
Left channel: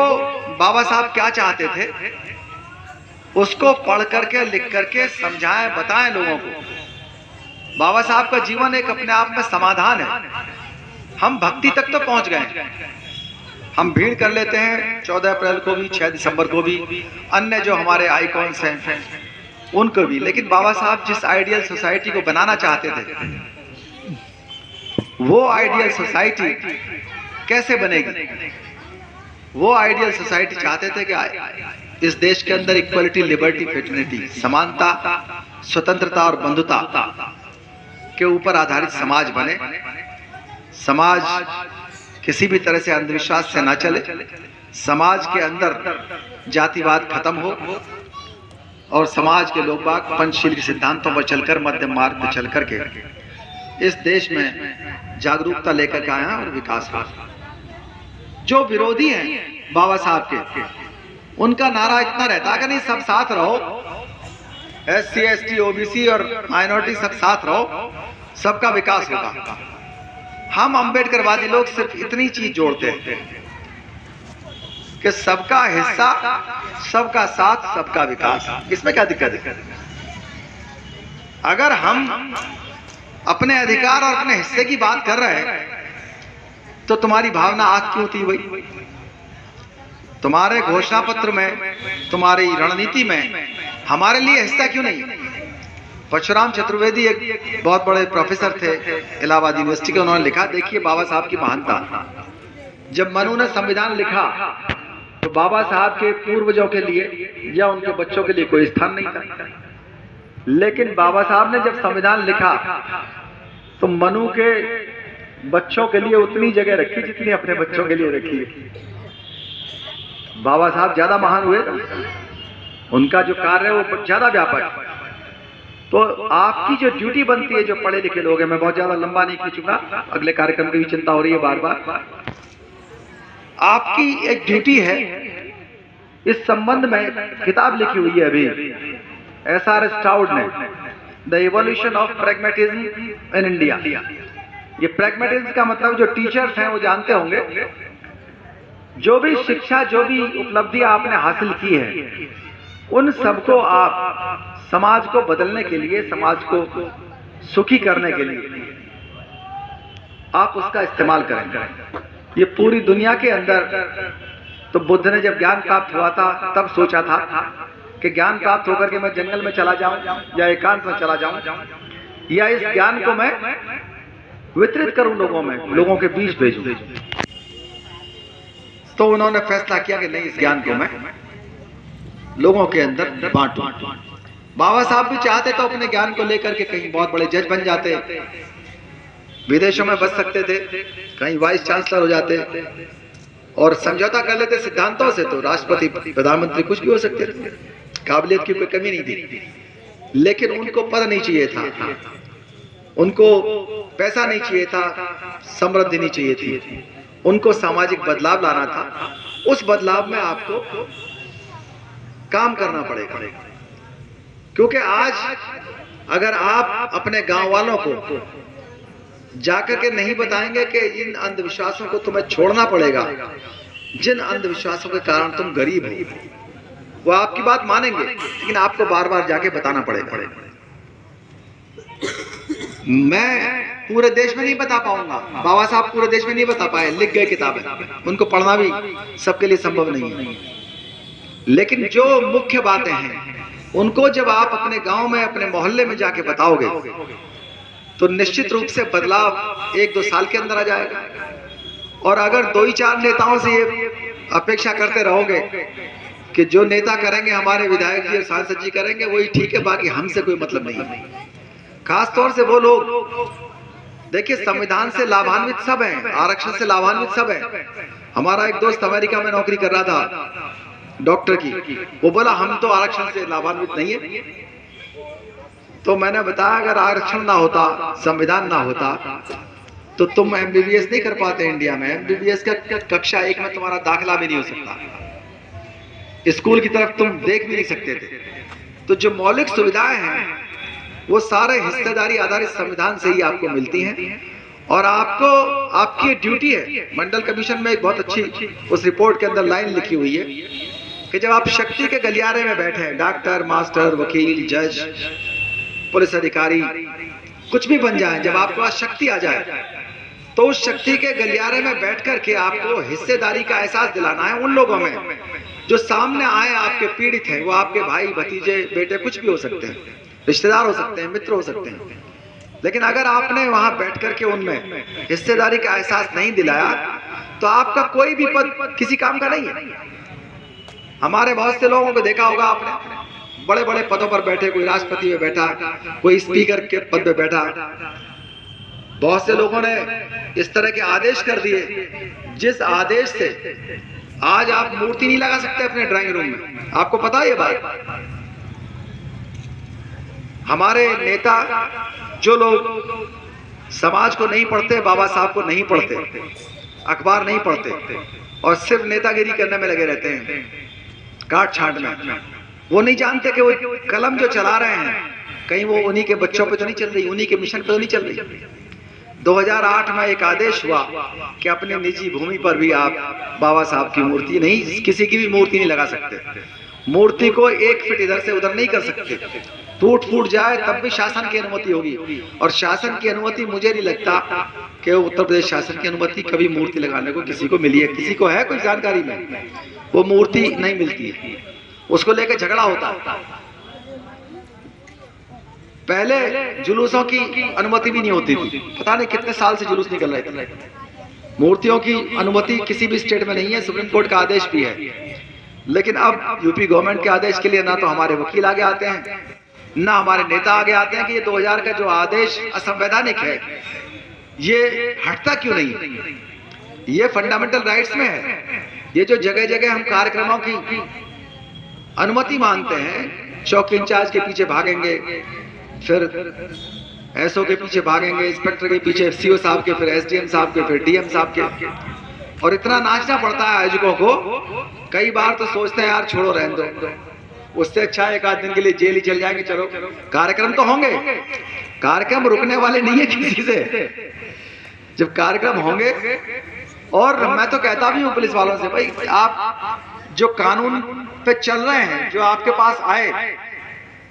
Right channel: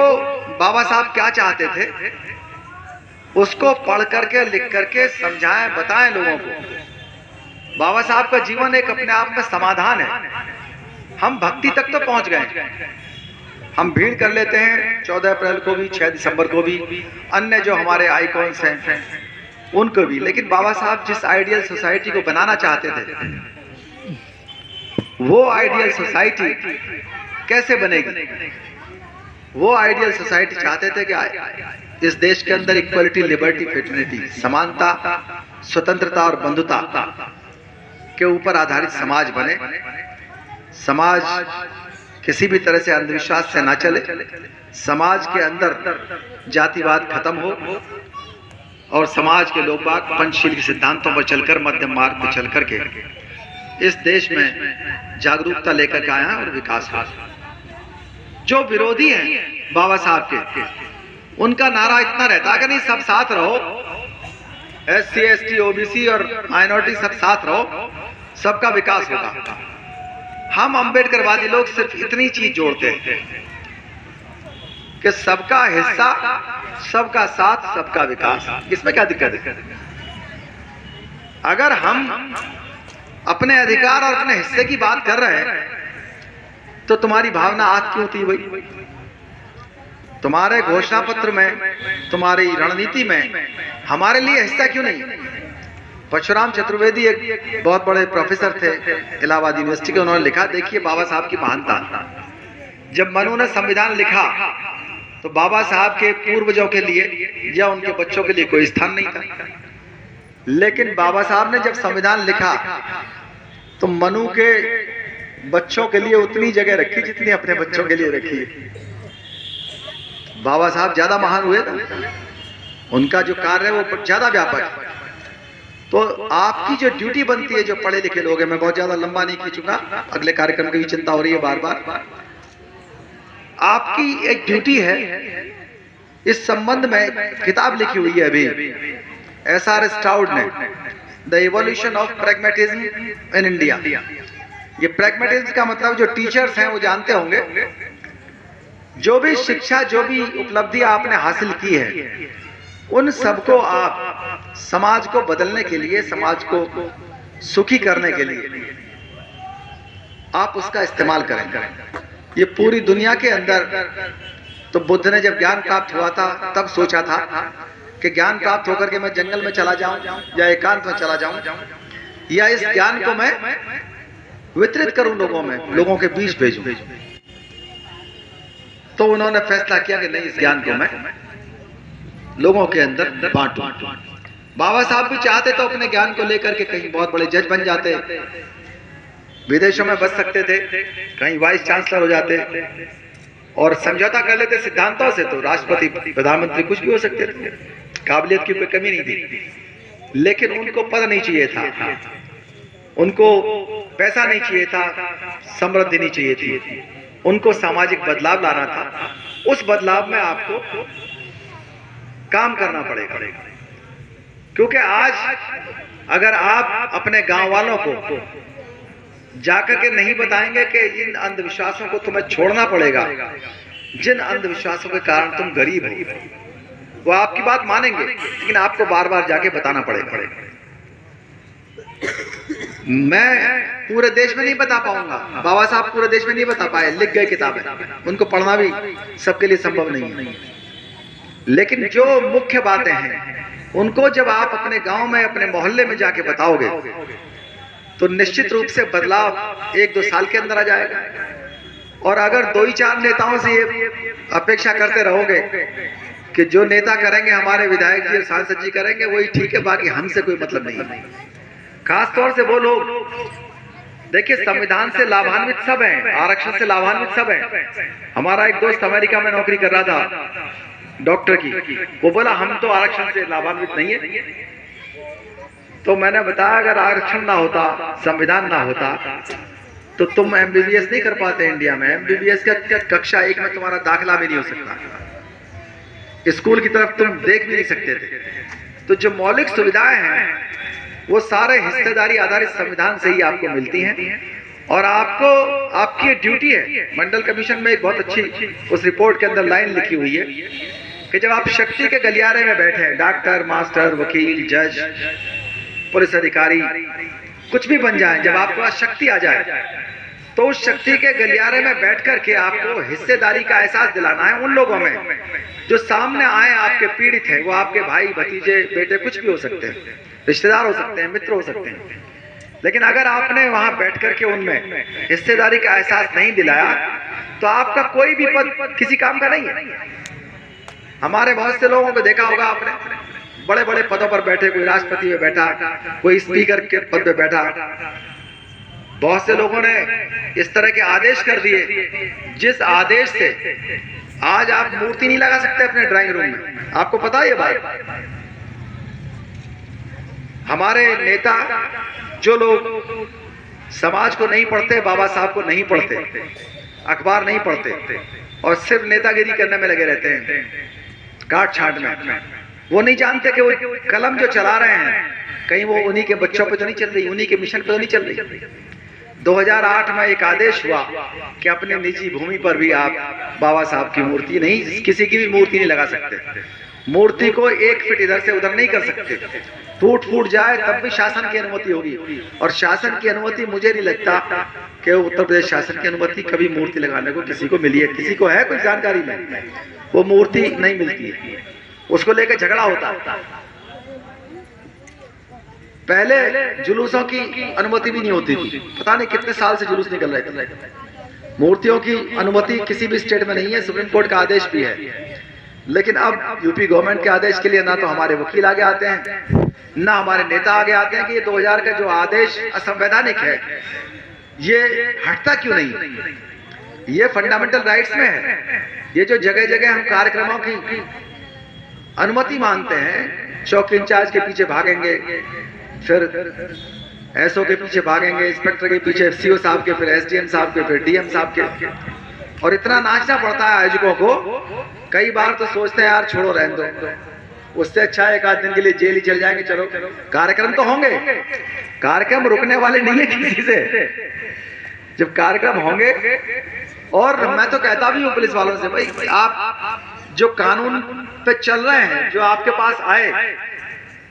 बाबा साहब क्या चाहते थे उसको पढ़ करके, लिख करके समझाएं, बताएं लोगों को। बाबा साहब का जीवन एक अपने आप में समाधान है। हम भक्ति तक तो पहुंच गए, हम भीड़ कर लेते हैं 14 अप्रैल को भी, 6 दिसंबर को भी, अन्य जो हमारे आइकॉन्स हैं उनको भी, लेकिन बाबा साहब जिस आइडियल सोसाइटी को बनाना चाहते थे वो आइडियल सोसाइटी कैसे बनेगी? वो आइडियल सोसाइटी चाहते थे कि इस देश के अंदर इक्वलिटी, लिबर्टी, फ्रेटर्निटी, समानता, स्वतंत्रता और बंधुता के ऊपर आधारित समाज बने। समाज किसी भी तरह से अंधविश्वास से ना चले, समाज के अंदर जातिवाद खत्म हो और समाज के लोग बाग पंचशील के सिद्धांतों पर चलकर, मध्यम मार्ग पर चल करके इस देश में जागरूकता लेकर के आए हैं और विकास हो। जो विरोधी हैं बाबा साहब के, उनका नारा इतना रहता कि नहीं सब साथ रहो, SC ST OBC और माइनॉरिटी सब साथ रहो, सबका विकास होगा। हम अंबेडकरवादी लोग सिर्फ इतनी चीज जोड़ते हैं कि सबका हिस्सा, सबका साथ, सबका विकास। इसमें क्या दिक्कत है? अगर हम अपने अधिकार और अपने हिस्से की बात कर रहे हैं तो तुम्हारी भावना आग क्यों थी भाई? तुम्हारे घोषणा पत्र में, तुम्हारी रणनीति में हमारे लिए हिस्सा क्यों नहीं? परशुराम चतुर्वेदी एक बहुत बड़े प्रोफेसर थे इलाहाबाद यूनिवर्सिटी के, उन्होंने लिखा, देखिए बाबा साहब की महानता। जब मनु ने संविधान लिखा तो बाबा साहब के पूर्वजों के लिए या उनके बच्चों के लिए कोई स्थान नहीं था, लेकिन बाबा साहब ने जब संविधान लिखा तो मनु के बच्चों के लिए उतनी जगह रखी जितनी अपने बच्चों के लिए रखी। बाबा साहब ज्यादा महान हुए ना, उनका जो कार्य है वो ज्यादा व्यापक है। तो आपकी जो ड्यूटी बनती है, जो पढ़े लिखे लोग हैं, मैं बहुत ज्यादा लंबा नहीं खींचूंगा, अगले कार्यक्रम की भी चिंता हो रही है बार बार। आपकी एक ड्यूटी है, इस संबंध में किताब लिखी हुई है अभी SR स्टाउड ने, the evolution of pragmatism in India. ये प्रैग्मेटिज्म का मतलब जो टीचर्स हैं वो जानते होंगे, जो भी शिक्षा, जो भी उपलब्धि आपने हासिल की है, उन सबको आप समाज को बदलने के लिए, समाज को सुखी करने के लिए आप उसका इस्तेमाल करें। ये पूरी दुनिया के अंदर, तो बुद्ध ने जब ज्ञान प्राप्त हुआ था तब सोचा था कि ज्ञान प्राप्त होकर के मैं जंगल में चला जाऊं या एकांत में चला जाऊं, या इस ज्ञान को मैं वितरित करूं लोगों में, लोगों के बीच भेजूं। तो उन्होंने फैसला किया कि नहीं, इस ज्ञान को मैं लोगों के अंदर बांटूं। बाबा साहब भी चाहते तो अपने ज्ञान को लेकर के कहीं बहुत बड़े जज बन जाते, विदेशों में बच सकते थे, कहीं वाइस चांसलर हो जाते और समझौता कर लेते सिद्धांतों से, तो राष्ट्रपति, प्रधानमंत्री कुछ भी हो सकते थे, काबिलियत की कोई कमी नहीं थी। लेकिन उनको पद नहीं चाहिए था, उनको पैसा नहीं चाहिए था, समृद्धि नहीं चाहिए थी, उनको सामाजिक बदलाव लाना था। उस बदलाव में आपको काम करना पड़ेगा, क्योंकि आज अगर आप अपने गांव वालों को जाकर के नहीं बताएंगे कि इन अंधविश्वासों को तुम्हें छोड़ना पड़ेगा, जिन अंधविश्वासों के कारण तुम गरीब हो, वो आपकी बात मानेंगे, लेकिन आपको बार बार जाके बताना पड़ेगा। मैं पूरे देश में नहीं बता पाऊंगा, बाबा साहब पूरे देश में नहीं बता पाए, लिख गए किताबें, उनको पढ़ना भी सबके लिए संभव नहीं है। लेकिन जो मुख्य बातें हैं उनको जब आप अपने गांव में, अपने मोहल्ले में जाके बताओगे, तो निश्चित रूप से बदलाव 1-2 साल के अंदर आ जाएगा। और अगर 2-4 नेताओं से ये अपेक्षा करते रहोगे कि जो नेता करेंगे, हमारे विधायक जी और सांसद जी करेंगे, वही ठीक है, बाकी हमसे कोई मतलब नहीं। खास तौर से वो लोग, देखिए संविधान से लाभान्वित सब हैं, आरक्षण से लाभान्वित सब हैं। हमारा एक दोस्त अमेरिका में नौकरी कर रहा था डॉक्टर की, वो बोला हम तो आरक्षण से लाभान्वित नहीं है। तो मैंने बताया अगर आरक्षण ना होता, संविधान ना होता, तो तुम MBBS नहीं कर पाते इंडिया में। MBBS का कक्षा 1 में तुम्हारा दाखिला भी नहीं हो सकता, स्कूल की तरफ तुम देख भी नहीं सकते थे। तो जो मौलिक सुविधाएं हैं वो सारे हिस्सेदारी आधारित संविधान से ही आपको मिलती हैं। और आपको, आपकी ड्यूटी है, मंडल कमीशन में एक बहुत अच्छी उस रिपोर्ट के अंदर लाइन लिखी हुई है कि जब आप शक्ति के गलियारे में बैठे हैं, डॉक्टर, मास्टर, वकील, जज, पुलिस अधिकारी, कुछ भी बन जाए, जब आपके पास शक्ति आ जाए, तो उस शक्ति के गलियारे में बैठ करके आपको हिस्सेदारी का एहसास दिलाना है उन लोगों में जो सामने आए, आपके पीड़ित हैं। वो आपके भाई, भतीजे, बेटे, कुछ भी हो सकते हैं, रिश्तेदार हो सकते हैं, मित्र हो सकते हैं। लेकिन अगर आपने वहां बैठ करके उनमें हिस्सेदारी का एहसास नहीं दिलाया, तो आपका कोई भी पद किसी काम का नहीं है। हमारे बहुत से लोगों को देखा होगा आपने, बड़े बड़े पदों पर बैठे, कोई राष्ट्रपति में बैठा, कोई स्पीकर के पद पे बैठा। बहुत से लोगों ने इस तरह के आदेश कर दिए, जिस आदेश से आज आप मूर्ति नहीं लगा सकते अपने ड्राइंग रूम में। आपको पता है ये बात? हमारे नेता, जो लोग समाज को नहीं पढ़ते, बाबा साहब को नहीं पढ़ते, अखबार नहीं पढ़ते और सिर्फ नेतागिरी करने में लगे रहते हैं, काट छांट में, वो नहीं जानते कि वो कलम जो चला रहे हैं कहीं वो उन्हीं के बच्चों पे तो नहीं चल रही, उन्हीं के मिशन पे तो नहीं चल रही। 2008 में एक आदेश हुआ कि अपने निजी भूमि पर भी आप बाबा साहब की मूर्ति नहीं, किसी की भी मूर्ति नहीं लगा सकते। मूर्ति को 1 फीट इधर से उधर नहीं कर सकते, टूट फूट जाए तब भी शासन की अनुमति होगी। और शासन की अनुमति, मुझे नहीं लगता कि उत्तर प्रदेश शासन की अनुमति कभी मूर्ति लगाने को किसी को मिली है। किसी को है कोई जानकारी में? वो मूर्ति नहीं मिलती है, उसको लेकर झगड़ा होता है। पहले जुलूसों की अनुमति भी नहीं होती थी, पता नहीं कितने साल से जुलूस निकल रहे थे। मूर्तियों की अनुमति किसी भी स्टेट में नहीं है, सुप्रीम कोर्ट का आदेश भी है। लेकिन अब यूपी गवर्नमेंट के आदेश के लिए ना तो हमारे वकील आगे आते हैं, ना हमारे नेता आगे आते हैं कि ये 2000 का जो आदेश असंवैधानिक है, ये हटता क्यों नहीं। ये फंडामेंटल राइट्स में है। ये जो जगह जगह हम कार्यक्रमों की अनुमति मांगते हैं, चौकी इंचार्ज के पीछे भागेंगे, फिर एसओ के पीछे भागेंगे, इंस्पेक्टर के पीछे सीओ साहब के, फिर एसडीएम साहब के, फिर डीएम साहब के, और इतना नाचना पड़ता है आयोजकों को। कई बार तो सोचते हैं यार छोड़ो रहने दो, उससे अच्छा एक आध दिन के लिए जेल ही चल जाएंगे। चलो कार्यक्रम तो होंगे, कार्यक्रम रुकने वाले नहीं है किसी से। जब कार्यक्रम होंगे, और मैं तो कहता भी हूँ पुलिस वालों से, भाई आप जो कानून पे चल रहे हैं, जो आपके पास आए,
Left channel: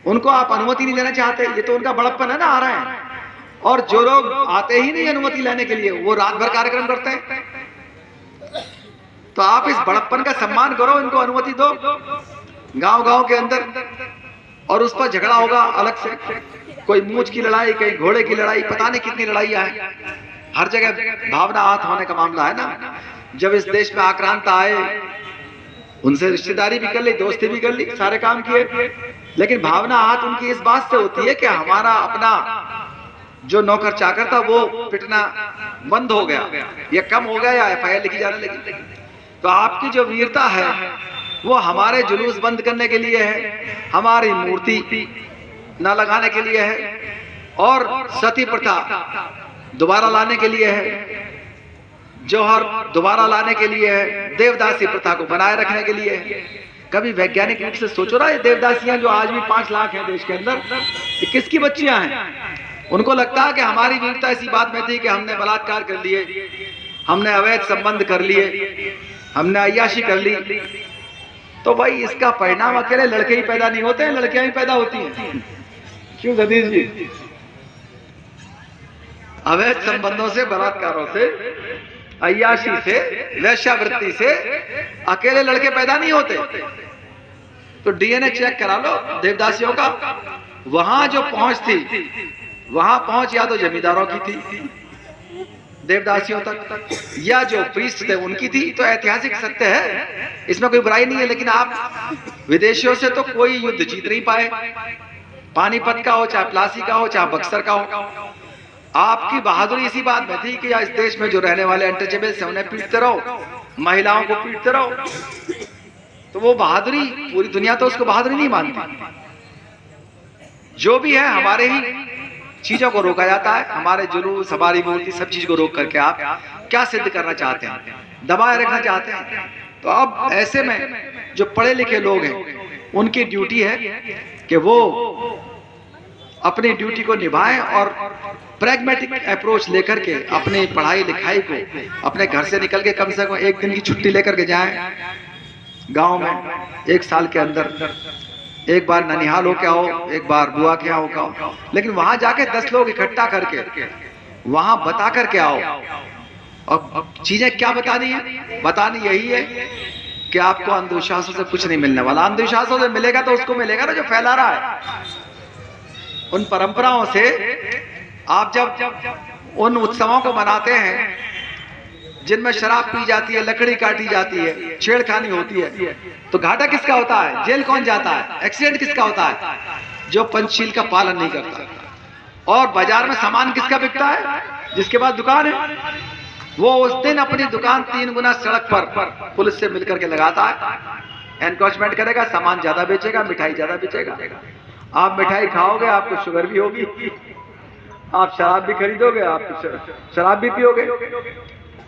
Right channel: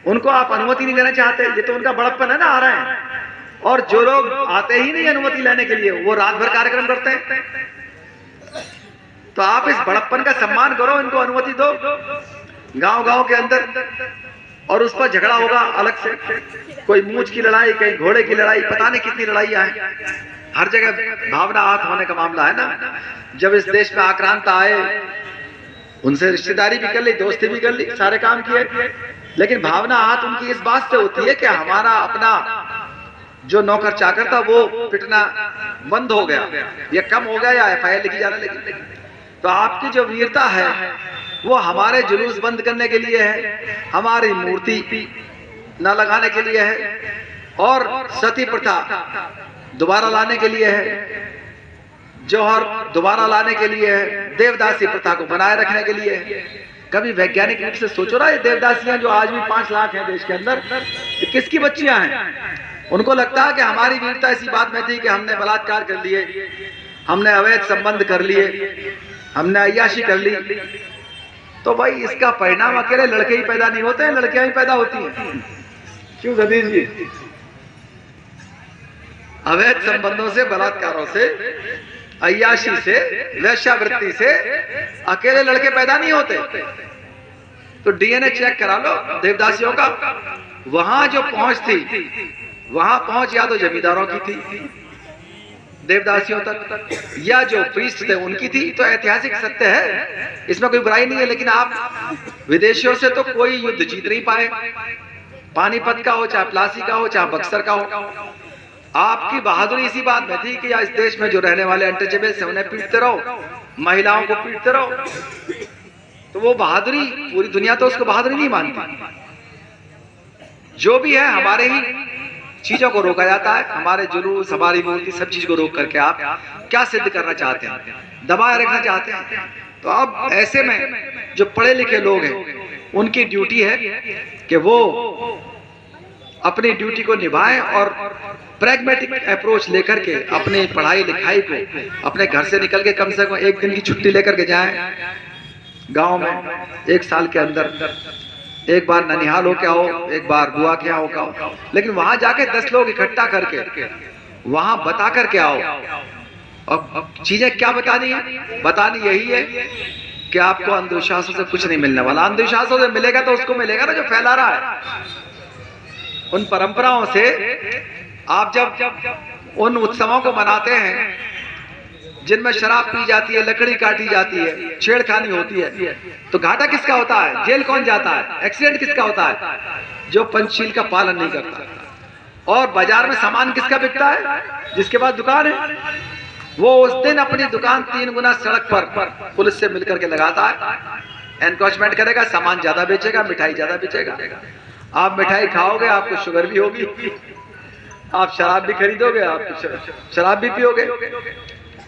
उनको आप अनुमति नहीं लेना चाहते, ये तो उनका बड़प्पन है ना, आ रहे हैं। और जो लोग आते ही नहीं अनुमति लेने के लिए, वो रात भर कार्यक्रम करते हैं। तो आप इस बड़प्पन का सम्मान करो, इनको अनुमति दो गांव गांव के अंदर, और उस पर झगड़ा होगा अलग से, कोई मूंछ की लड़ाई, कहीं घोड़े की लड़ाई, पता नहीं कितनी लड़ाइयां हैं। हर जगह भावना आहत होने का मामला है ना। जब इस देश में आक्रांता आए, उनसे रिश्तेदारी भी कर ली, दोस्ती भी कर ली, सारे काम किए, लेकिन भावना आहत उनकी इस बात से होती है कि हमारा अपना जो नौकर चाकर था वो पिटना बंद हो गया, या कम हो गया, या एफआईआर लिखी जाने लगी। तो आपकी जो वीरता है वो हमारे जुलूस बंद करने के लिए है, हमारी मूर्ति न लगाने के लिए है, और सती प्रथा दोबारा लाने के लिए है, जौहर दोबारा लाने के लिए है, देवदासी प्रथा को बनाए रखने के लिए है। कभी वैज्ञानिक रूप से सोचो ना, ये देवदासियां जो आज भी 5 लाख हैं देश के अंदर, ये किसकी बच्चियां हैं? उनको लगता है कि हमारी वीरता इसी बात में थी कि हमने बलात्कार कर लिए, हमने अवैध संबंध कर लिए, हमने अय्याशी कर ली। तो भाई इसका परिणाम अकेले लड़के ही पैदा नहीं होते हैं, लड़कियां ही पैदा होती हैं। क्यों सतीश जी? अवैध संबंधों से, बलात्कारों से, अय्याशी से, वेश्यावृत्ति से अकेले लड़के पैदा नहीं होते। तो डीएनए चेक करा लो देवदासियों का, वहां जो पहुंच थी, वहां पहुंच या तो जमींदारों की थी देवदासियों तक, या जो प्रीस्ट थे उनकी थी। तो ऐतिहासिक सत्य है, इसमें कोई बुराई नहीं है। लेकिन आप विदेशियों से तो कोई युद्ध जीत नहीं पाए, पानीपत का हो, चाहे प्लासी का हो, चाहे बक्सर का हो। आपकी बहादुरी इसी बात में थी कि इस देश में जो रहने वाले अनटचेबल्स हैं उन्हें पीटते रहो, महिलाओं को पीटते रहो। तो वो बहादुरी, पूरी दुनिया तो उसको बहादुरी नहीं मानती। जो भी है, हमारे ही चीजों को रोका जाता है, हमारे जुलूस, हमारी मूर्ति, सब चीज को रोक करके आप क्या सिद्ध करना चाहते हैं? दबाए रखना चाहते हैं। तो अब ऐसे में जो पढ़े लिखे लोग हैं, उनकी ड्यूटी है कि वो अपनी ड्यूटी को निभाएं और प्रैग्मेटिक अप्रोच लेकर के अपनी पढ़ाई लिखाई को, अपने घर से निकल के कम से कम एक दिन की छुट्टी लेकर के जाएं गांव में। 1 साल के अंदर एक बार ननिहाल हो क्या हो, एक बार बुआ क्या हो क्या हो, लेकिन वहां जाके 10 लोग इकट्ठा करके वहां बता करके आओ। और चीजें क्या बतानी है? बतानी यही है कि आपको अंधविश्वासों से कुछ नहीं मिलने वाला। अंधविश्वासों से मिलेगा तो उसको मिलेगा ना जो फैला रहा है। उन परंपराओं से आप जब उन उत्सवों को मनाते हैं जिनमें शराब पी जाती है, लकड़ी काटी जाती है, छेड़खानी होती है, तो घाटा किसका होता है? जेल कौन जाता है? एक्सीडेंट किसका होता है? जो पंचशील का पालन नहीं करता। और बाजार में सामान किसका बिकता है? जिसके पास दुकान है, वो उस दिन अपनी दुकान 3 गुना सड़क पर पुलिस से मिलकर के लगाता है, एनक्रोचमेंट करेगा, सामान ज्यादा बेचेगा, मिठाई ज्यादा बेचेगा। आप मिठाई खाओगे, आपको शुगर भी होगी, आप शराब भी खरीदोगे, आप शराब भी पियोगे।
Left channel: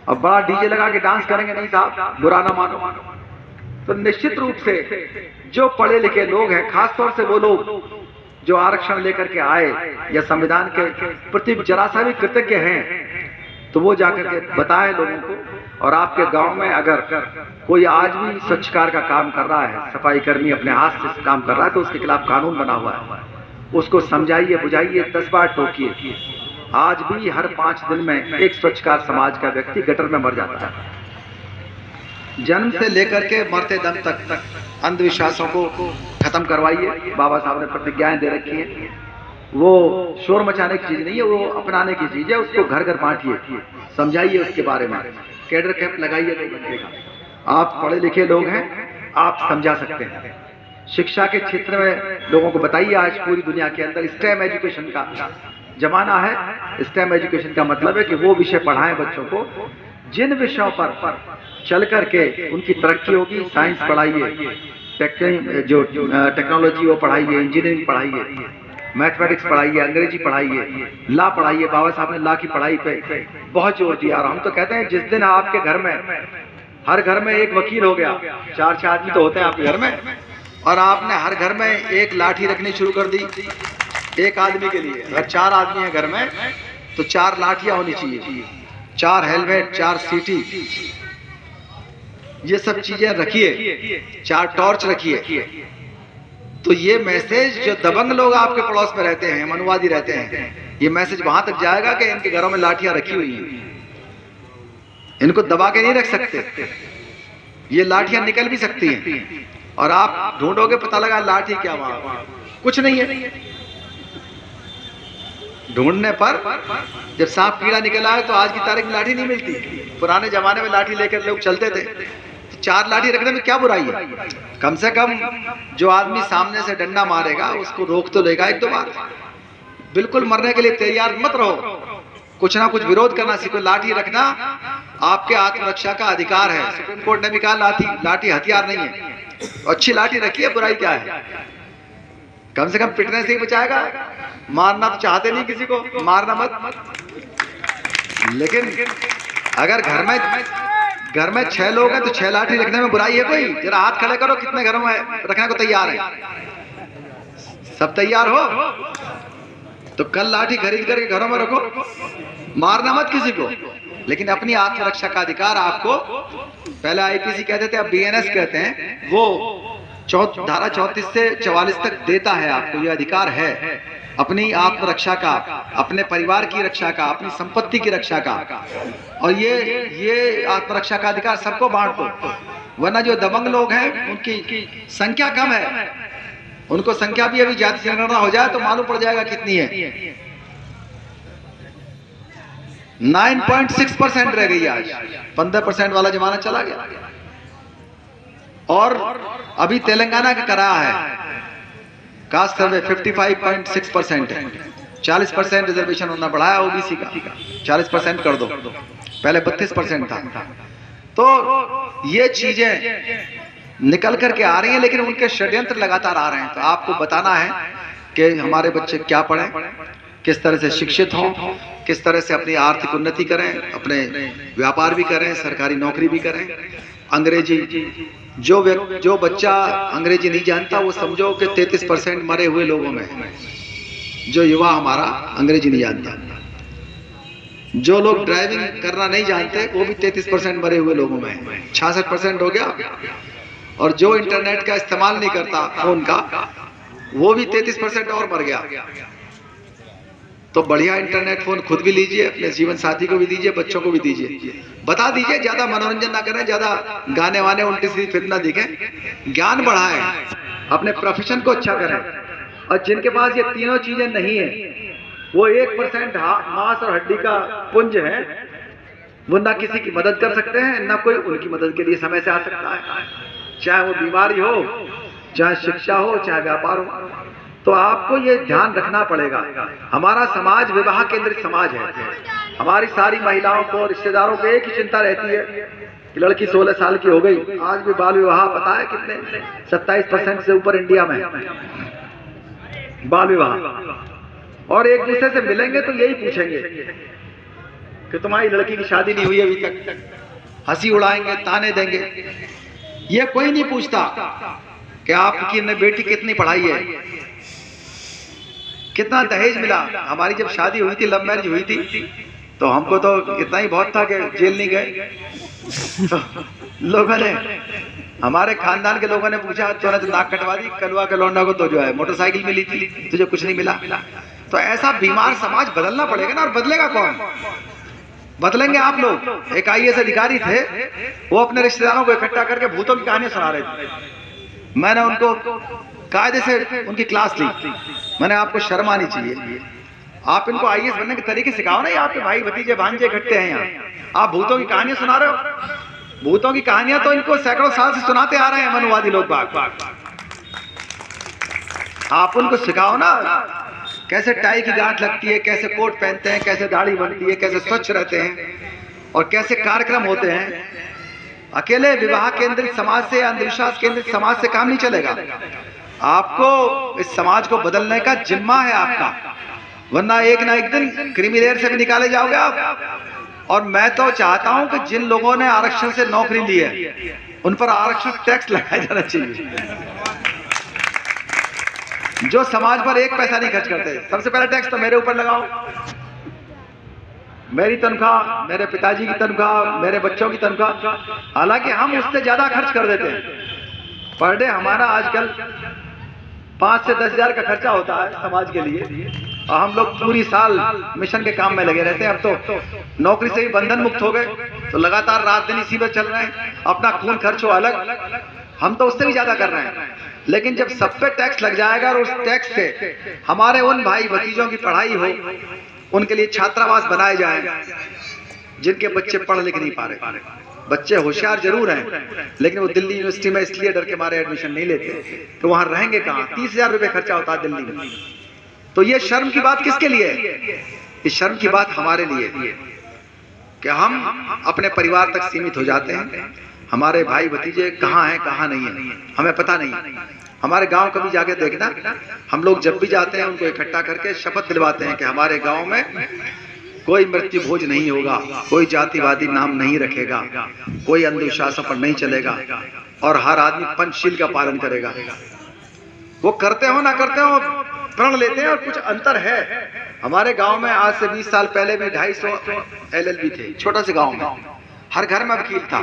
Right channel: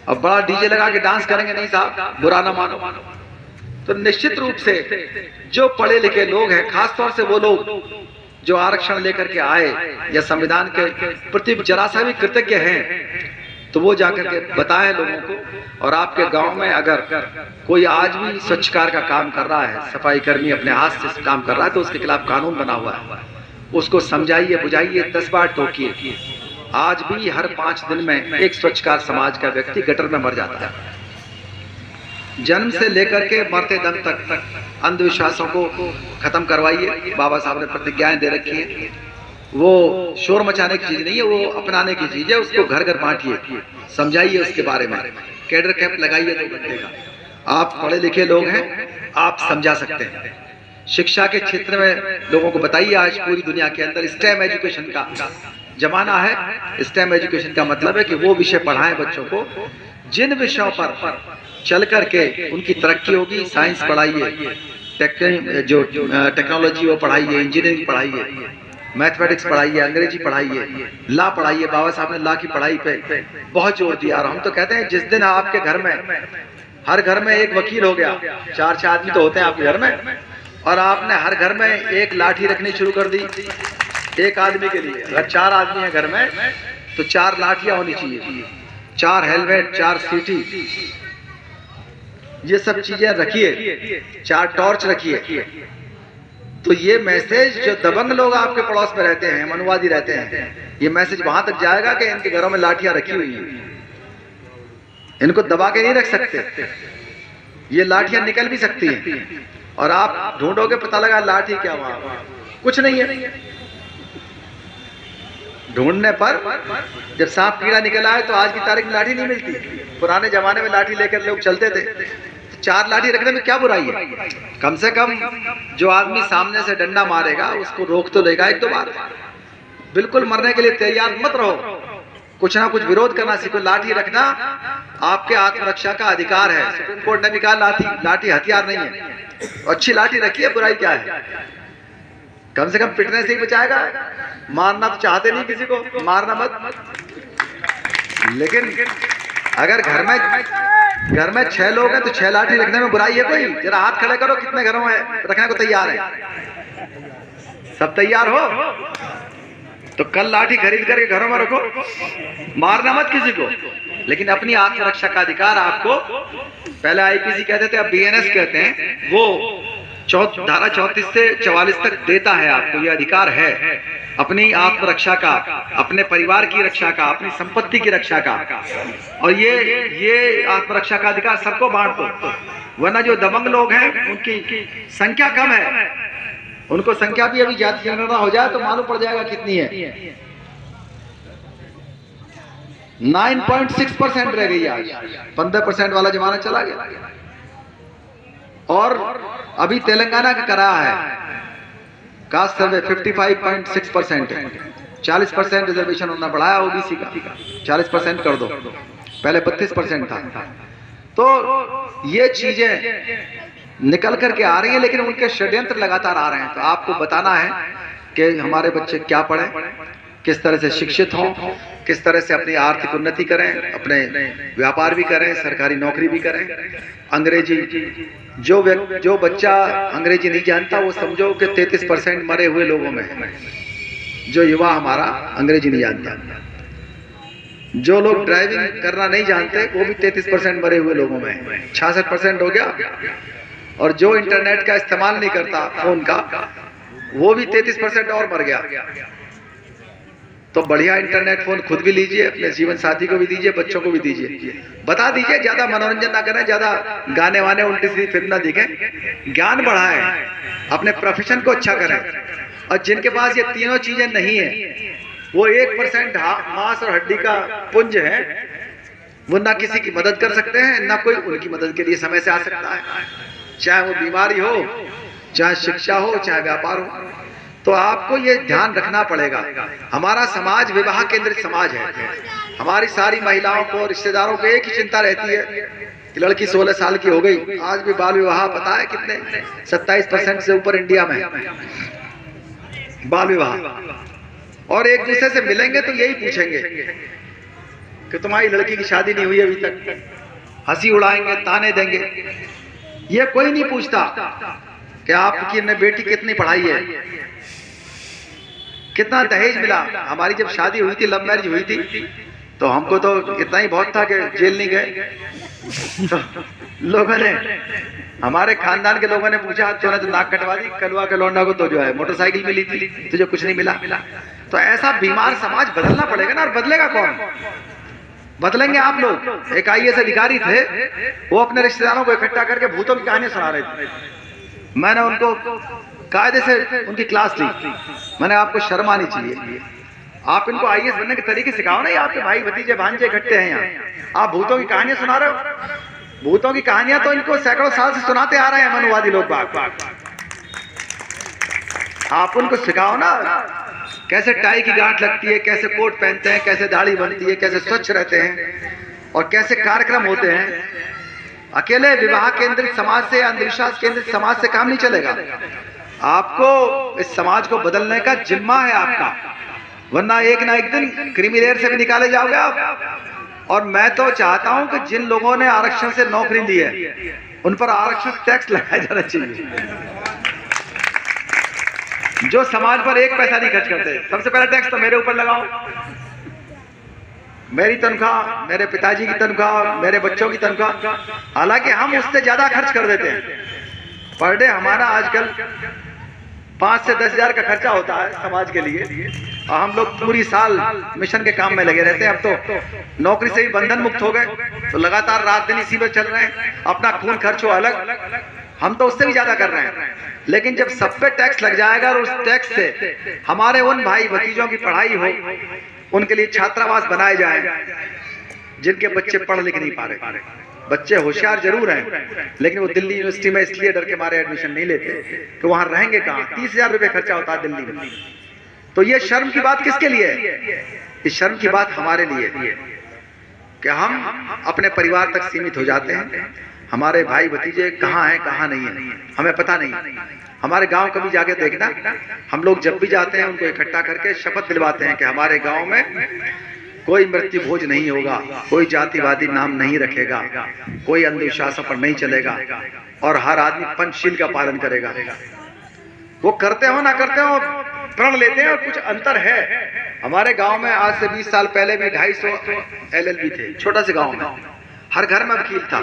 अब बड़ा डीजे लगा के डांस करेंगे, नहीं साहब, बुरा ना मानो। तो निश्चित रूप से जो पढ़े लिखे लोग हैं, खासतौर से वो लोग जो आरक्षण लेकर के आए या संविधान के प्रति जरा सा भी कृतज्ञ हैं, तो वो जाकर के बताएं लोगों को। और आपके गांव में अगर कोई आज भी स्वच्छकार का काम कर रहा है, सफाई कर्मी अपने हाथ से काम कर रहा है, तो उसके खिलाफ कानून बना हुआ है, उसको समझाइए, बुझाइए, 10 बार टोकिए। आज भी हर 5 दिन में एक स्वच्छकार समाज का व्यक्ति गटर में मर जाता है। जन्म से लेकर के मरते दम तक अंधविश्वासों को खत्म करवाइए। बाबा साहब ने प्रतिज्ञाएं दे रखी है, वो शोर मचाने की चीज नहीं है, वो अपनाने की चीज है। उसको घर घर बांटिए, समझाइए उसके बारे में, कैडर कैंप लगाइए 2 घंटे का। आप पढ़े लिखे लोग हैं, आप समझा सकते हैं। शिक्षा के क्षेत्र में लोगों को बताइए। आज पूरी दुनिया के अंदर स्टेम एजुकेशन का जमाना है। स्टेम एजुकेशन का मतलब है कि वो विषय पढ़ाएं बच्चों को जिन विषयों पर चल करके उनकी तरक्की होगी, साइंस पढ़ाइए, जो टेक्नोलॉजी वो पढ़ाइए, इंजीनियरिंग पढ़ाइए, मैथमेटिक्स पढ़ाइए, अंग्रेजी पढ़ाइए, लॉ पढ़ाइए। बाबा साहब ने लॉ की पढ़ाई पे बहुत जोर दिया। और हम तो कहते हैं जिस दिन आपके घर में, हर घर में एक वकील हो गया, 4-6 आदमी तो होते हैं आपके घर में, और आपने हर घर में एक लाठी रखनी शुरू कर दी एक आदमी के लिए। अगर 4 आदमी हैं घर में तो 4 लाठियां होनी चाहिए, 4 हेलमेट, 4 सीटी, ये सब चीजें रखिए, 4 टॉर्च रखिए। तो ये मैसेज जो दबंग लोग आपके पड़ोस में रहते हैं, मनुवादी रहते हैं, ये मैसेज वहां तक जाएगा कि इनके घरों में लाठियां रखी हुई हैं, इनको दबा के नहीं रख सकते। ये लाठियां निकल भी सकती हैं और आप ढूंढोगे, पता लगा लाठी क्या वहां कुछ नहीं है। ढूंढने पर जब सांप कीड़ा निकल आए तो आज की तारीख में लाठी नहीं मिलती। पुराने जमाने में लाठी लेकर लोग चलते थे। 4 लाठी रखने में क्या बुराई है? कम से कम जो आदमी सामने से डंडा मारेगा उसको रोक तो लेगा 1-2 बार। बिल्कुल मरने के लिए तैयार मत रहो, कुछ ना कुछ विरोध करना सीखो। लाठी रखना आपके आत्मरक्षा का अधिकार है। सुप्रीम कोर्ट ने भी कहा लाठी हथियार नहीं है। अच्छी लाठी रखिए, बुराई क्या है? कम से कम पिटने से ही बचाएगा। मारना तो चाहते नहीं किसी को, मारना मत। लेकिन अगर घर में 6 लोग हैं तो 6 लाठी रखने में बुराई है कोई? जरा हाथ खड़े करो, कितने घरों में रखने को तैयार है? सब तैयार हो तो कल लाठी खरीद करके घरों में रखो, मारना मत किसी को। लेकिन अपनी आत्मरक्षा का अधिकार आपको, पहले आईपीसी कहते थे, अब बीएनएस कहते हैं, वो धारा 34 से 44 तक देता है आपको ये अधिकार है, अपनी आत्मरक्षा का, अपने परिवार की रक्षा का, अपनी संपत्ति की रक्षा का। और ये आत्मरक्षा का अधिकार सबको बांट दो, वरना जो दबंग लोग हैं उनकी संख्या कम है, उनको संख्या भी अभी जाति जनगणना हो जाए तो मालूम पड़ जाएगा कितनी है। 9.6% रह गई आज, 15% वाला जमाना चला गया। और अभी तेलंगाना का कराया है कास्ट सर्वे 55.6% है। 40% रिजर्वेशन उन्होंने बढ़ाया ओबीसी का, 40% कर दो, पहले 32% था। तो ये चीजें निकल करके आ रही हैं, लेकिन उनके षड्यंत्र लगातार आ रहे हैं। तो आपको बताना है कि हमारे बच्चे क्या पढ़ें, किस तरह से शिक्षित हों, किस तरह से अपनी आर्थिक उन्नति करें, अपने व्यापार भी करें, सरकारी नौकरी भी करें। अंग्रेजी, जो बच्चा अंग्रेजी नहीं जानता वो समझो कि 33% मरे हुए लोगों में है। जो युवा हमारा अंग्रेजी नहीं जानता, जो लोग ड्राइविंग करना नहीं जानते वो भी 33% मरे हुए लोगों में है। 66% हो गया। और जो इंटरनेट का इस्तेमाल नहीं करता फोन का, वो भी 33% और मर गया। तो बढ़िया इंटरनेट फोन खुद भी लीजिए, अपने जीवन साथी को भी दीजिए, बच्चों को भी दीजिए। बता दीजिए, ज्यादा मनोरंजन ना करें, ज्यादा गाने वाने उल्टी सीधी फिल्म ना दिखें, ज्ञान बढ़ाएं, अपने प्रोफेशन को अच्छा करें। और जिनके पास ये तीनों चीजें नहीं है, वो 1% मांस और हड्डी का पुंज है, वो ना किसी की मदद कर सकते हैं, ना कोई उनकी मदद के लिए समय से आ सकता है। चाहे वो बीमारी हो, चाहे शिक्षा हो, चाहे व्यापार हो। तो आपको ये ध्यान रखना पड़ेगा। हमारा समाज विवाह केंद्रित समाज है। हमारी सारी महिलाओं को, रिश्तेदारों को एक ही चिंता रहती है कि लड़की 16 साल की हो गई। आज भी बाल विवाह पता है कितने, 27% से ऊपर इंडिया में बाल विवाह। और एक दूसरे से मिलेंगे तो यही पूछेंगे कि तुम्हारी लड़की की शादी नहीं हुई अभी तक, हंसी उड़ाएंगे, ताने देंगे। ये कोई नहीं पूछता कि आपकी बेटी कितनी पढ़ाई है, कितना दहेज मिला। हमारी जब शादी हुई थी, लव मैरिज हुई थी, तो हमको तो इतना ही बहुत था कि जेल नहीं गए। तो लोगों ने, हमारे खानदान के लोगों ने पूछा, तूने तो नाक कटवा दी, कलवा के लौंडा को तो जो है मोटरसाइकिल मिली थी, तुझे कुछ नहीं मिला। तो ऐसा बीमार समाज बदलना पड़ेगा ना। और बदलेगा कौन? बदलेंगे आप लोग। एक IAS अधिकारी थे, वो अपने रिश्तेदारों को इकट्ठा करके भूतों की कहानी सुना रहे थे। मैंने उनको कायदे से उनकी क्लास ली। मैंने, आपको शर्म आनी चाहिए, आप इनको IAS बनने के तरीके सिखाओ ना। आपके भाई भतीजे भांजे इकट्ठे हैं यहाँ, आप भूतों की कहानियां सुना रहे हो। भूतों की कहानियां तो इनको सैकड़ों साल से सुनाते आ रहे हैं मनुवादी लोग। आप उनको सिखाओ ना, कैसे टाई की गांठ लगती है, कैसे कोट पहनते हैं, कैसे दाढ़ी बनती है, कैसे स्वच्छ रहते हैं। और कैसे कार्यक्रम होते हैं। अकेले विवाह केंद्रित समाज से, अंधविश्वास केंद्रित समाज से काम नहीं चलेगा। आपको इस समाज को बदलने का जिम्मा है आपका, वरना एक ना एक दिन क्रिमिलेयर से भी निकाले जाओगे आप। और मैं तो चाहता हूं कि जिन लोगों ने आरक्षण से नौकरी ली है उन पर आरक्षण टैक्स लगाया जाना चाहिए, जो समाज पर एक पैसा नहीं खर्च करते। सबसे पहला टैक्स तो मेरे ऊपर लगाओ, मेरी तनख्वाह, मेरे पिताजी की तनख्वाह, मेरे बच्चों की तनख्वाह। हालांकि हम उससे ज्यादा खर्च कर देते हैं। पर डे हमारा आजकल 5 से 10 हजार का खर्चा होता है समाज के लिए, और हम लोग पूरी साल मिशन के काम में लगे रहते हैं। अब तो नौकरी से भी बंधन मुक्त हो गए, तो लगातार रात दिन इसी पर चल रहे हैं। अपना खून खर्च हो अलग, हम तो उससे भी ज्यादा कर रहे हैं। लेकिन जब सब पे टैक्स लग जाएगा और उस टैक्स से हमारे उन भाई भतीजों की पढ़ाई हो, उनके लिए छात्रावास बनाए जाए, जिनके बच्चे पढ़ लिख नहीं पा रहे, बच्चे होशियार जरूर हैं लेकिन वो दिल्ली यूनिवर्सिटी में इसलिए डर के मारे एडमिशन नहीं लेते, तो वहां रहेंगे कहाँ? 30,000 रुपये खर्चा होता है दिल्ली में। तो ये शर्म की बात किसके लिए है? इस शर्म की बात हमारे लिए कि हम अपने परिवार तक सीमित हो जाते हैं। हमारे भाई भतीजे कहाँ हैं कहाँ नहीं है हमें पता नहीं। हमारे गांव कभी जाके देखना, हम लोग जब भी जाते हैं उनको इकट्ठा करके शपथ दिलवाते हैं कि हमारे गांव में कोई मृत्यु भोज नहीं होगा, कोई जातिवादी नाम नहीं रखेगा, कोई अंधविश्वासों पर नहीं चलेगा, और हर आदमी पंचशील का पालन करेगा। वो करते हो ना करते हो, प्रण लेते हैं। कुछ अंतर है। हमारे गांव में आज से 20 साल पहले भी 250 LLB थे, छोटा से गांव में, हर घर में वकील था।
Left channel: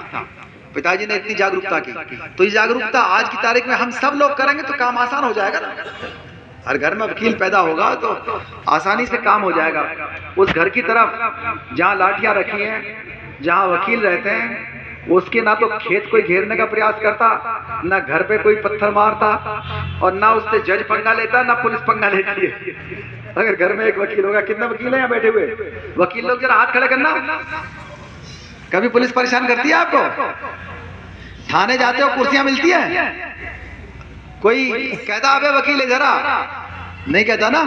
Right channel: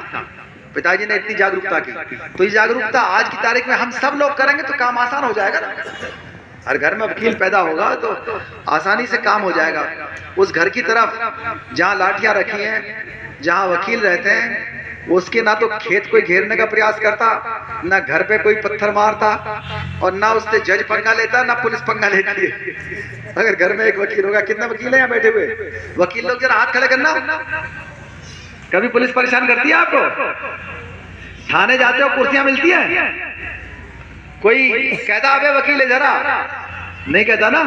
पिताजी ने इतनी जागरूकता की, तो ये जागरूकता आज की तारीख में हम सब लोग करेंगे तो काम आसान हो जाएगा। हर घर में वकील पैदा होगा तो आसानी से काम हो जाएगा। उस घर की तरफ जहाँ लाठियां रखी हैं, जहाँ वकील रहते हैं, उसके ना तो खेत कोई घेरने का प्रयास करता, ना घर पे कोई पत्थर मारता, और ना उससे जज पंगा लेता, ना पुलिस पंगा लेती है। अगर घर में एक वकील होगा, कितना वकील है यहाँ बैठे हुए? वकील लोग जरा हाथ खड़े करना। कभी पुलिस परेशान करती है आपको? थाने जाते हो कुर्सियां मिलती है? कोई कहता अबे वकील है जरा? नहीं कहता ना।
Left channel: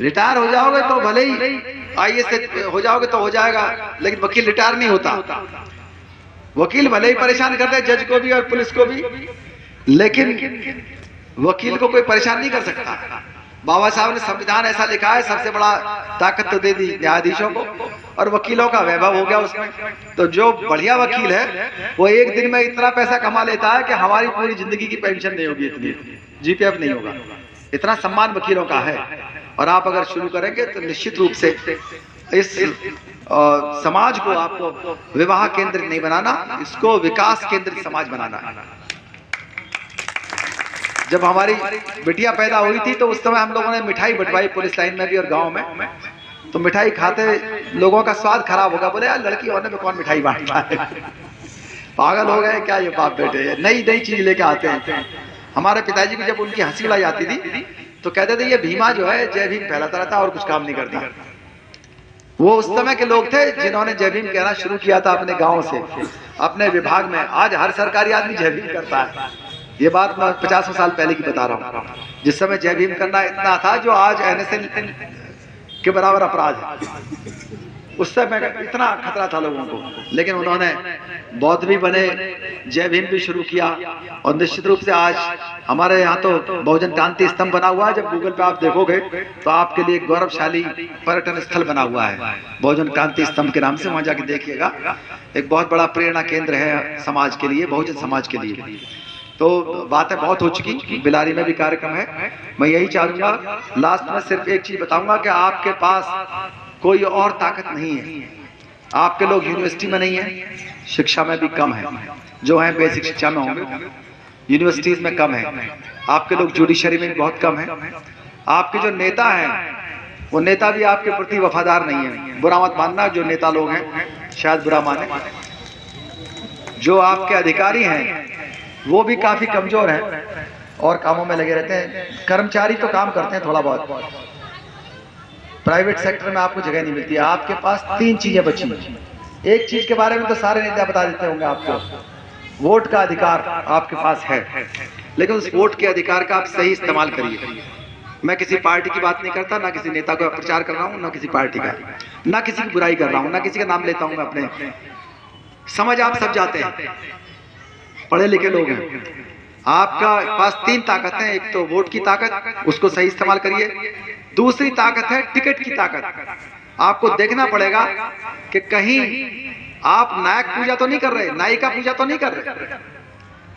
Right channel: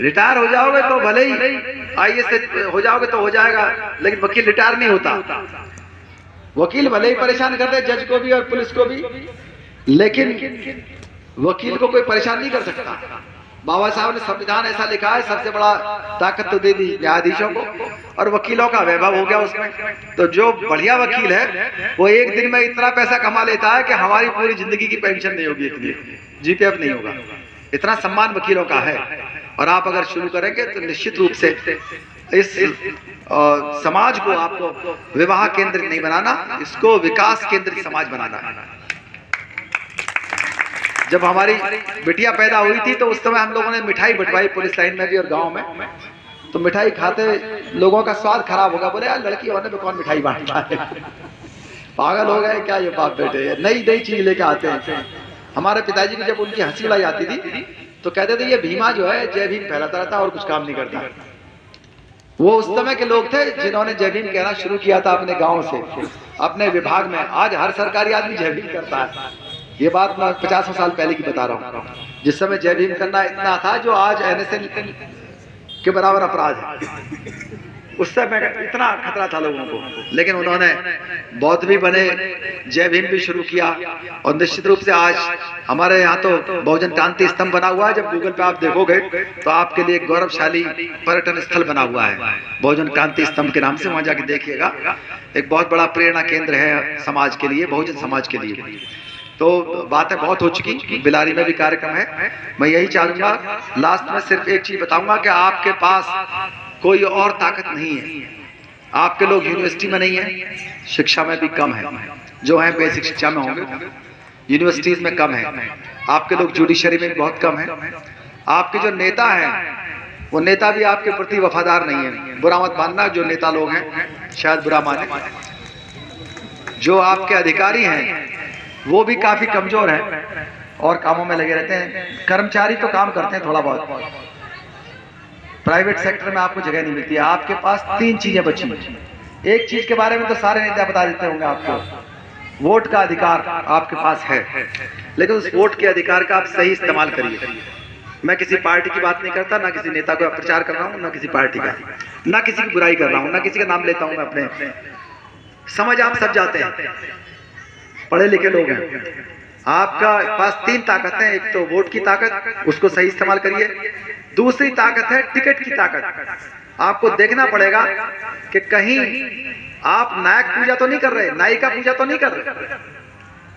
रिटायर हो जाओगे तो भले ही IAS हो जाओगे तो हो जाएगा, लेकिन वकील रिटायर नहीं होता। वकील भले ही परेशान करते हैं जज को भी और पुलिस को भी, लेकिन वकील को कोई परेशान नहीं कर सकता। बाबा साहब ने संविधान ऐसा लिखा है, सबसे बड़ा ताकत तो दे दी न्यायाधीशों को, और वकीलों का वैभव हो गया उसमें। तो जो बढ़िया वकील है वो एक दिन में इतना पैसा कमा लेता है कि हमारी पूरी जिंदगी की पेंशन नहीं होगी, इतनी GPF नहीं होगा। इतना सम्मान वकीलों का है। और आप अगर शुरू करेंगे तो निश्चित रूप से इस समाज को आपको विवाह केंद्रित नहीं बनाना, इसको विकास केंद्रित समाज बनाना है। जब हमारी बिटिया पैदा हुई थी तो उस समय हम लोगों ने मिठाई बंटवाई पुलिस लाइन में भी और गांव में। तो मिठाई खाते लोगों का स्वाद खराब होगा, बोले यार लड़की होने में कौन मिठाई बांटता है, पागल हो गए क्या ये बाप बेटे? नई नई चीज लेके आते हैं। हमारे पिताजी की जब उनकी हंसी उड़ाई आती थी तो कहते थे ये भीमा जो है जय भीम फैलाता रहता और कुछ काम नहीं करता। वो उस समय के लोग थे जिन्होंने जय भीम कहना शुरू किया था अपने गाँव से, अपने विभाग में। आज हर सरकारी आदमी जय भीम करता है। ये बात मैं 50 साल पहले की बता रहा हूँ, जिस समय जय भीम करना इतना था जो आज NSL के बराबर अपराध है। उस समय इतना खतरा था लोगों को, लेकिन उन्होंने बौद्ध भी बने, जय भीम भी शुरू किया। और निश्चित रूप से आज हमारे यहाँ तो बहुजन क्रांति स्तंभ बना हुआ है। जब गूगल पे आप देखोगे तो आपके लिए एक गौरवशाली पर्यटन स्थल बना हुआ है बहुजन क्रांति स्तंभ के नाम से, वहां जाके देखिएगा। एक बहुत बड़ा प्रेरणा केंद्र है समाज के लिए, बहुजन समाज के लिए। तो बातें बहुत हो चुकी, बिलारी में भी कार्यक्रम है। मैं यही चाहूंगा लास्ट में सिर्फ एक चीज बताऊंगा कि आपके पास कोई और ताकत नहीं है। आपके लोग यूनिवर्सिटी में नहीं है, शिक्षा में भी कम है, जो है बेसिक शिक्षा में होंगे, यूनिवर्सिटीज में कम है। आपके लोग जुडिशरी में बहुत कम है। आपके जो नेता हैं वो नेता भी आपके प्रति वफादार नहीं है। बुरा मत मानना, जो नेता लोग हैं शायद बुरा माने। जो आपके अधिकारी हैं वो भी काफी कमजोर हैं और कामों में लगे रहते हैं। कर्मचारी तो काम करते हैं थोड़ा बहुत, प्राइवेट सेक्टर में आपको जगह नहीं मिलती है। आपके पास 3 चीजें बची। एक चीज के बारे में तो सारे नेता बता देते होंगे आपको, वोट का अधिकार आपके पास है, लेकिन उस वोट के अधिकार का आप सही इस्तेमाल करिए। मैं किसी पार्टी की बात नहीं करता, ना किसी नेता को प्रचार कर रहा हूँ, ना किसी पार्टी का, ना किसी की बुराई कर रहा हूँ, ना किसी का नाम लेता हूँ मैं अपने। समझ आप सब जाते हैं, पढ़े लिखे लोग हैं। आपका पास 3 ताकत है। एक तो वोट की ताकत, उसको सही इस्तेमाल करिए। दूसरी ताकत है टिकट की ताकत। आपको देखना पड़ेगा कि कहीं आप नायक पूजा तो नहीं कर रहे, नायिका पूजा तो नहीं कर रहे,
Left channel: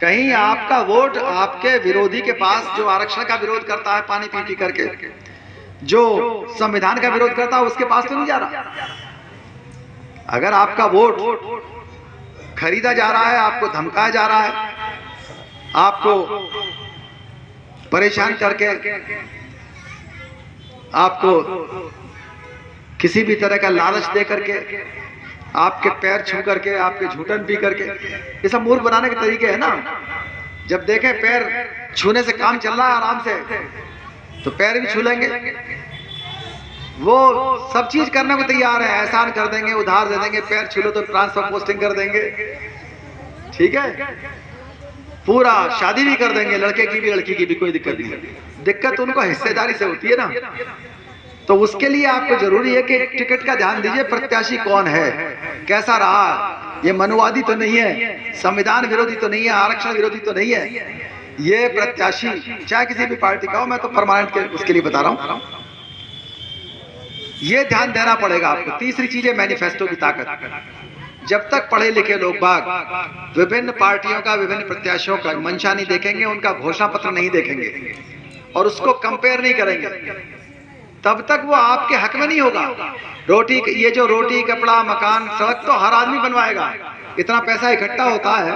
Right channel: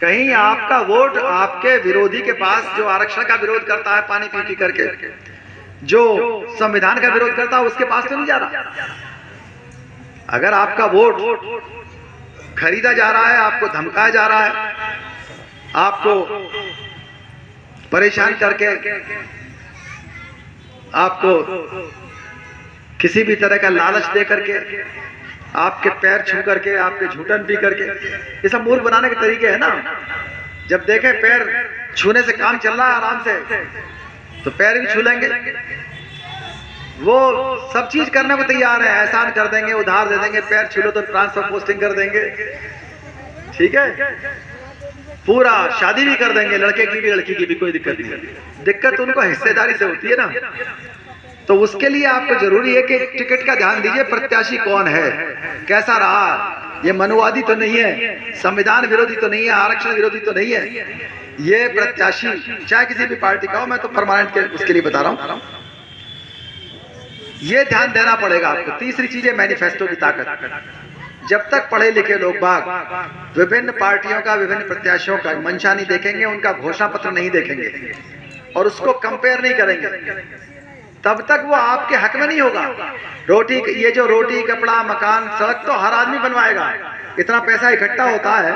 कहीं आपका वोट आपके विरोधी के पास, जो आरक्षण का विरोध करता है पानी पी पी करके, जो संविधान का विरोध करता है, उसके पास तो नहीं जा रहा। अगर आपका वोट खरीदा जा रहा है, आपको धमकाया जा रहा है, आपको परेशान करके, आपको किसी भी तरह का लालच दे करके, आपके पैर छू करके, आपके झूठन पी करके, ये सब मूर्ख बनाने के तरीके हैं ना। जब देखें पैर छूने से काम चल रहा है आराम से, तो पैर भी छू लेंगे। वो सब चीज करने को तैयार है, एहसान कर देंगे, उधार दे देंगे, पैर छू लो तो ट्रांसफर पोस्टिंग कर देंगे, ठीक है, पूरा शादी भी कर देंगे, लड़के की भी लड़की की भी, कोई दिक्कत नहीं। दिक्कत उनको हिस्सेदारी से होती है ना। तो उसके लिए आपको जरूरी है कि टिकट का ध्यान दीजिए, प्रत्याशी कौन है, कैसा रहा, ये मनुवादी तो नहीं है, संविधान विरोधी तो नहीं है, आरक्षण विरोधी तो नहीं है। ये प्रत्याशी चाहे किसी भी पार्टी का हो, मैं तो परमानेंट के उसके लिए बता रहा हूं, ये ध्यान देना पड़ेगा आपको। तीसरी चीज है मैनिफेस्टो की ताकत। जब तक पढ़े लिखे लोग बाग विभिन्न पार्टियों का, विभिन्न प्रत्याशियों का मंशा नहीं देखेंगे, उनका घोषणा पत्र नहीं देखेंगे और उसको कंपेयर नहीं करेंगे, तब तक वो आपके हक में नहीं होगा। रोटी, ये जो रोटी, कपड़ा, मकान, सड़क तो हर आदमी बनवाएगा। इतना पैसा इकट्ठा होता है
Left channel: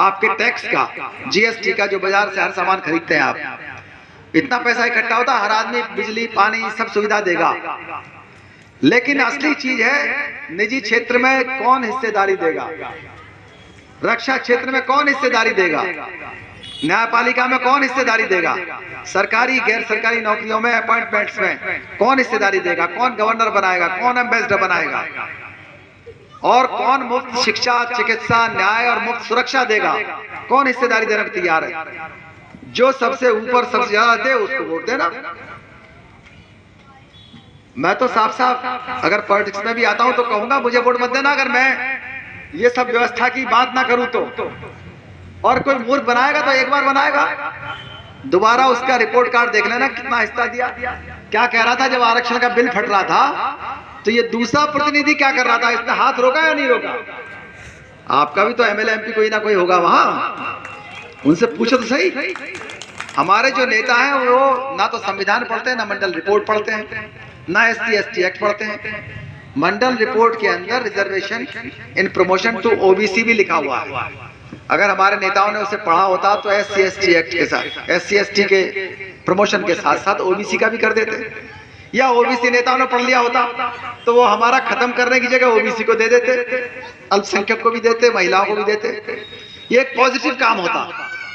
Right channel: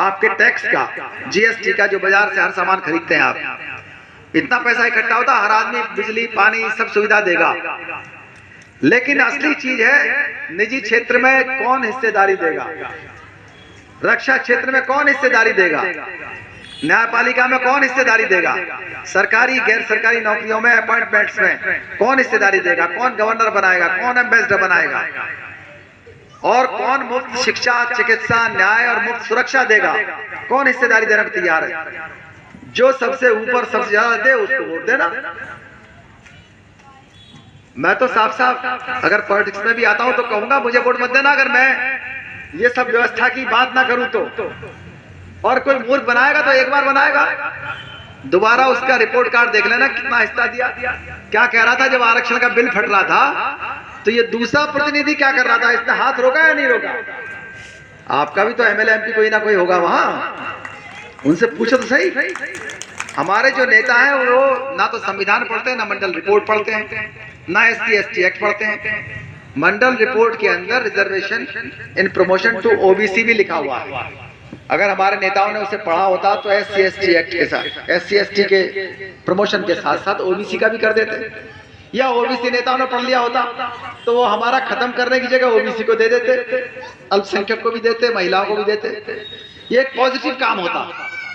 आपके टैक्स का, जीएसटी का, जो बाजार से हर सामान खरीदते हैं आप, इतना पैसा इकट्ठा होता है, हर आदमी बिजली पानी सब सुविधा देगा। लेकिन असली चीज है निजी क्षेत्र में कौन हिस्सेदारी देगा, रक्षा क्षेत्र में कौन हिस्सेदारी देगा, न्यायपालिका में कौन हिस्सेदारी देगा, सरकारी गैर सरकारी नौकरियों में, अपॉइंटमेंट्स में कौन हिस्सेदारी देगा, कौन गवर्नर बनाएगा, कौन एम्बेसडर बनाएगा, और कौन मुफ्त शिक्षा, चिकित्सा, न्याय और मुफ्त सुरक्षा देगा, कौन हिस्सेदारी देने पर तैयार है। जो सबसे ऊपर सबसे ज्यादा दे उसको वोट देना। मैं तो साफ साफ अगर पॉलिटिक्स में भी आता हूं तो कहूंगा मुझे वोट मत देना अगर मैं ये सब व्यवस्था की बात ना करूं तो। और कोई मूर्ख बनाएगा तो एक बार बनाएगा, दोबारा उसका रिपोर्ट कार्ड देख लेना कितना हिस्सा दिया। क्या कह रहा था जब आरक्षण का बिल फट रहा था, तो ये दूसरा प्रतिनिधि क्या कर रहा था, इसने हाथ रोका या नहीं रोका? आपका भी तो एमएलए एमपी कोई ना कोई होगा वहां, उनसे पूछो तो सही। हमारे जो नेता हैं वो ना तो संविधान पढ़ते हैं, ना मंडल रिपोर्ट पढ़ते हैं, ना SC ST एक्ट पढ़ते हैं। मंडल रिपोर्ट के अंदर reservation in promotion to OBC भी लिखा हुआ है। अगर हमारे नेताओं ने उसे पढ़ा होता तो SC ST एक्ट के साथ, SC ST के प्रमोशन के साथ साथ OBC का भी कर देते, या OBC नेताओं ने पढ़ लिया होता तो वो हमारा खत्म करने की जगह OBC को दे देते, अल्पसंख्यक को भी देते, महिलाओं को भी देते। ये एक पॉजिटिव काम होता,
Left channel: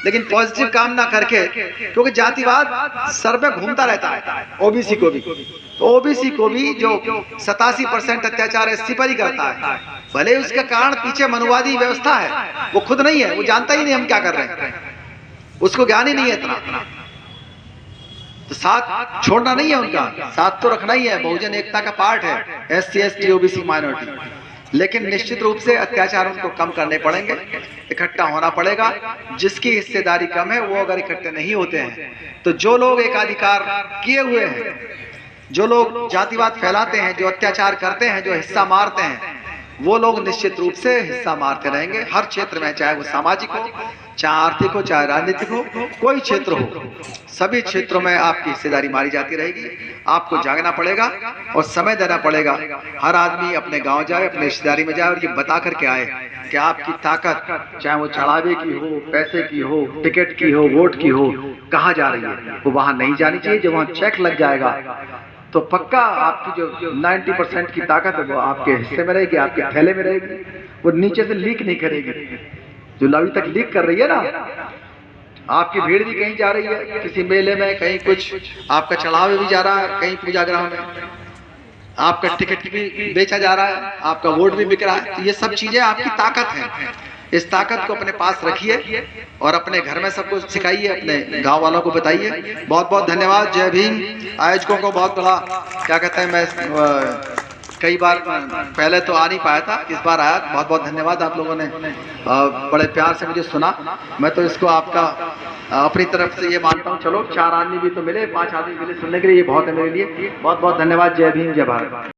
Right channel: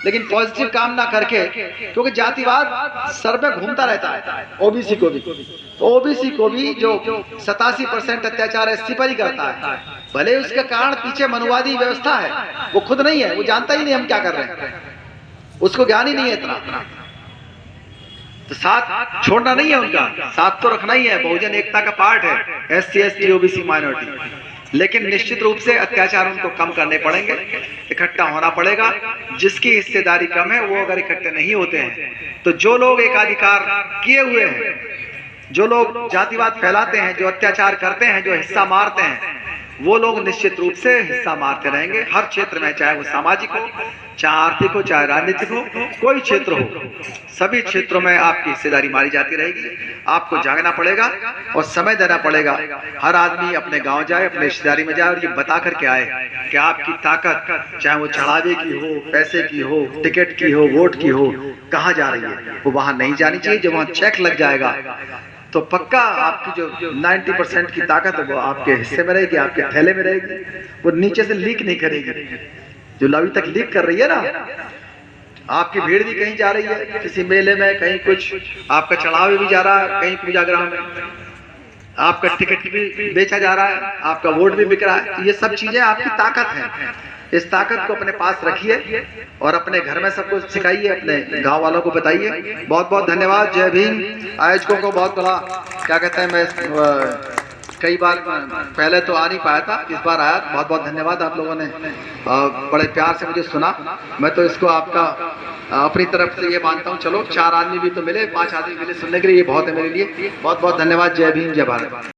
लेकिन पॉजिटिव काम ना करके, क्योंकि जातिवाद सर पे घूमता रहता है, OBC को भी, तो OBC को भी जो 87% अत्याचार SC पर ही करता है, भले उसके कारण पीछे मनुवादी व्यवस्था है, वो खुद नहीं है, वो जानता ही नहीं हम क्या कर रहे हैं, उसको ज्ञान ही नहीं है इतना। तो साथ छोड़ना नहीं है उनका, साथ तो रखना ही है, बहुजन एकता का पार्ट है SC ST OBC माइनॉरिटी। लेकिन निश्चित रूप से अत्याचार उनको कम करने पड़ेंगे, इकट्ठा होना पड़ेगा। जिसकी हिस्सेदारी कम है वो अगर इकट्ठे नहीं होते हैं तो जो लोग एकाधिकार किए हुए हैं, जो लोग जातिवाद फैलाते हैं, जो अत्याचार करते हैं, जो हिस्सा मारते हैं, वो लोग निश्चित रूप से हिस्सा मारते रहेंगे हर क्षेत्र में, चाहे वो सामाजिक हो, चाहे आर्थिक हो, चाहे राजनीतिक हो, कोई क्षेत्र हो, सभी क्षेत्रों में आपकी हिस्सेदारी मारी जाती रहेगी। आपको जागना पड़ेगा और समय देना पड़ेगा। हर आदमी अपने गांव जाए, अपने रिश्तेदारी में जाए और ये बता करके आए कि आपकी ताकत, चाहे वो चढ़ावे की हो, पैसे की हो, टिकट की हो, वोट की हो, कहाँ जा रही है, वो वहां नहीं जानी चाहिए। जब वहां चेक लग जाएगा तो पक्का आपकी जो 90% की ताकत है वो आपके हिस्से में रहेगी, आपके थैले में रहेगी, वो नीचे से लीक नहीं करेगी। जो अभी तक लीक कर रही है ना, आपकी भीड़ भी कहीं जा रही है, किसी मेले में, कहीं कुछ आपका चढ़ावे भी जा रहा है, कहीं पूजा ग्रह में, आपका टिकट भी बेचा जा रहा है, आपका वोट भी बिक रहा है। तो ये सब चीजें आपकी ताकत है। इस ताकत को अपने पास रखिए और अपने घर में सबको सिखाइए, अपने गांव वालों को बताइए। बहुत बहुत धन्यवाद। जय भीम। आयोजकों को बहुत बड़ा क्या कहते हैं, मैं कई बार पहले तो आ नहीं पाया था, इस बार आया। बहुत बहुत धन्यवाद, आप लोगों ने बड़े प्यार से मुझे सुना। मैं तो इसको आपका अपनी तरफ से ये मानता हूँ। चलो 4 आदमी भी तो मिले, 5 आदमी मिले सुनने के लिए, ये बहुत है मेरे लिए। बहुत बहुत धन्यवाद। जय भीम, जय भारत।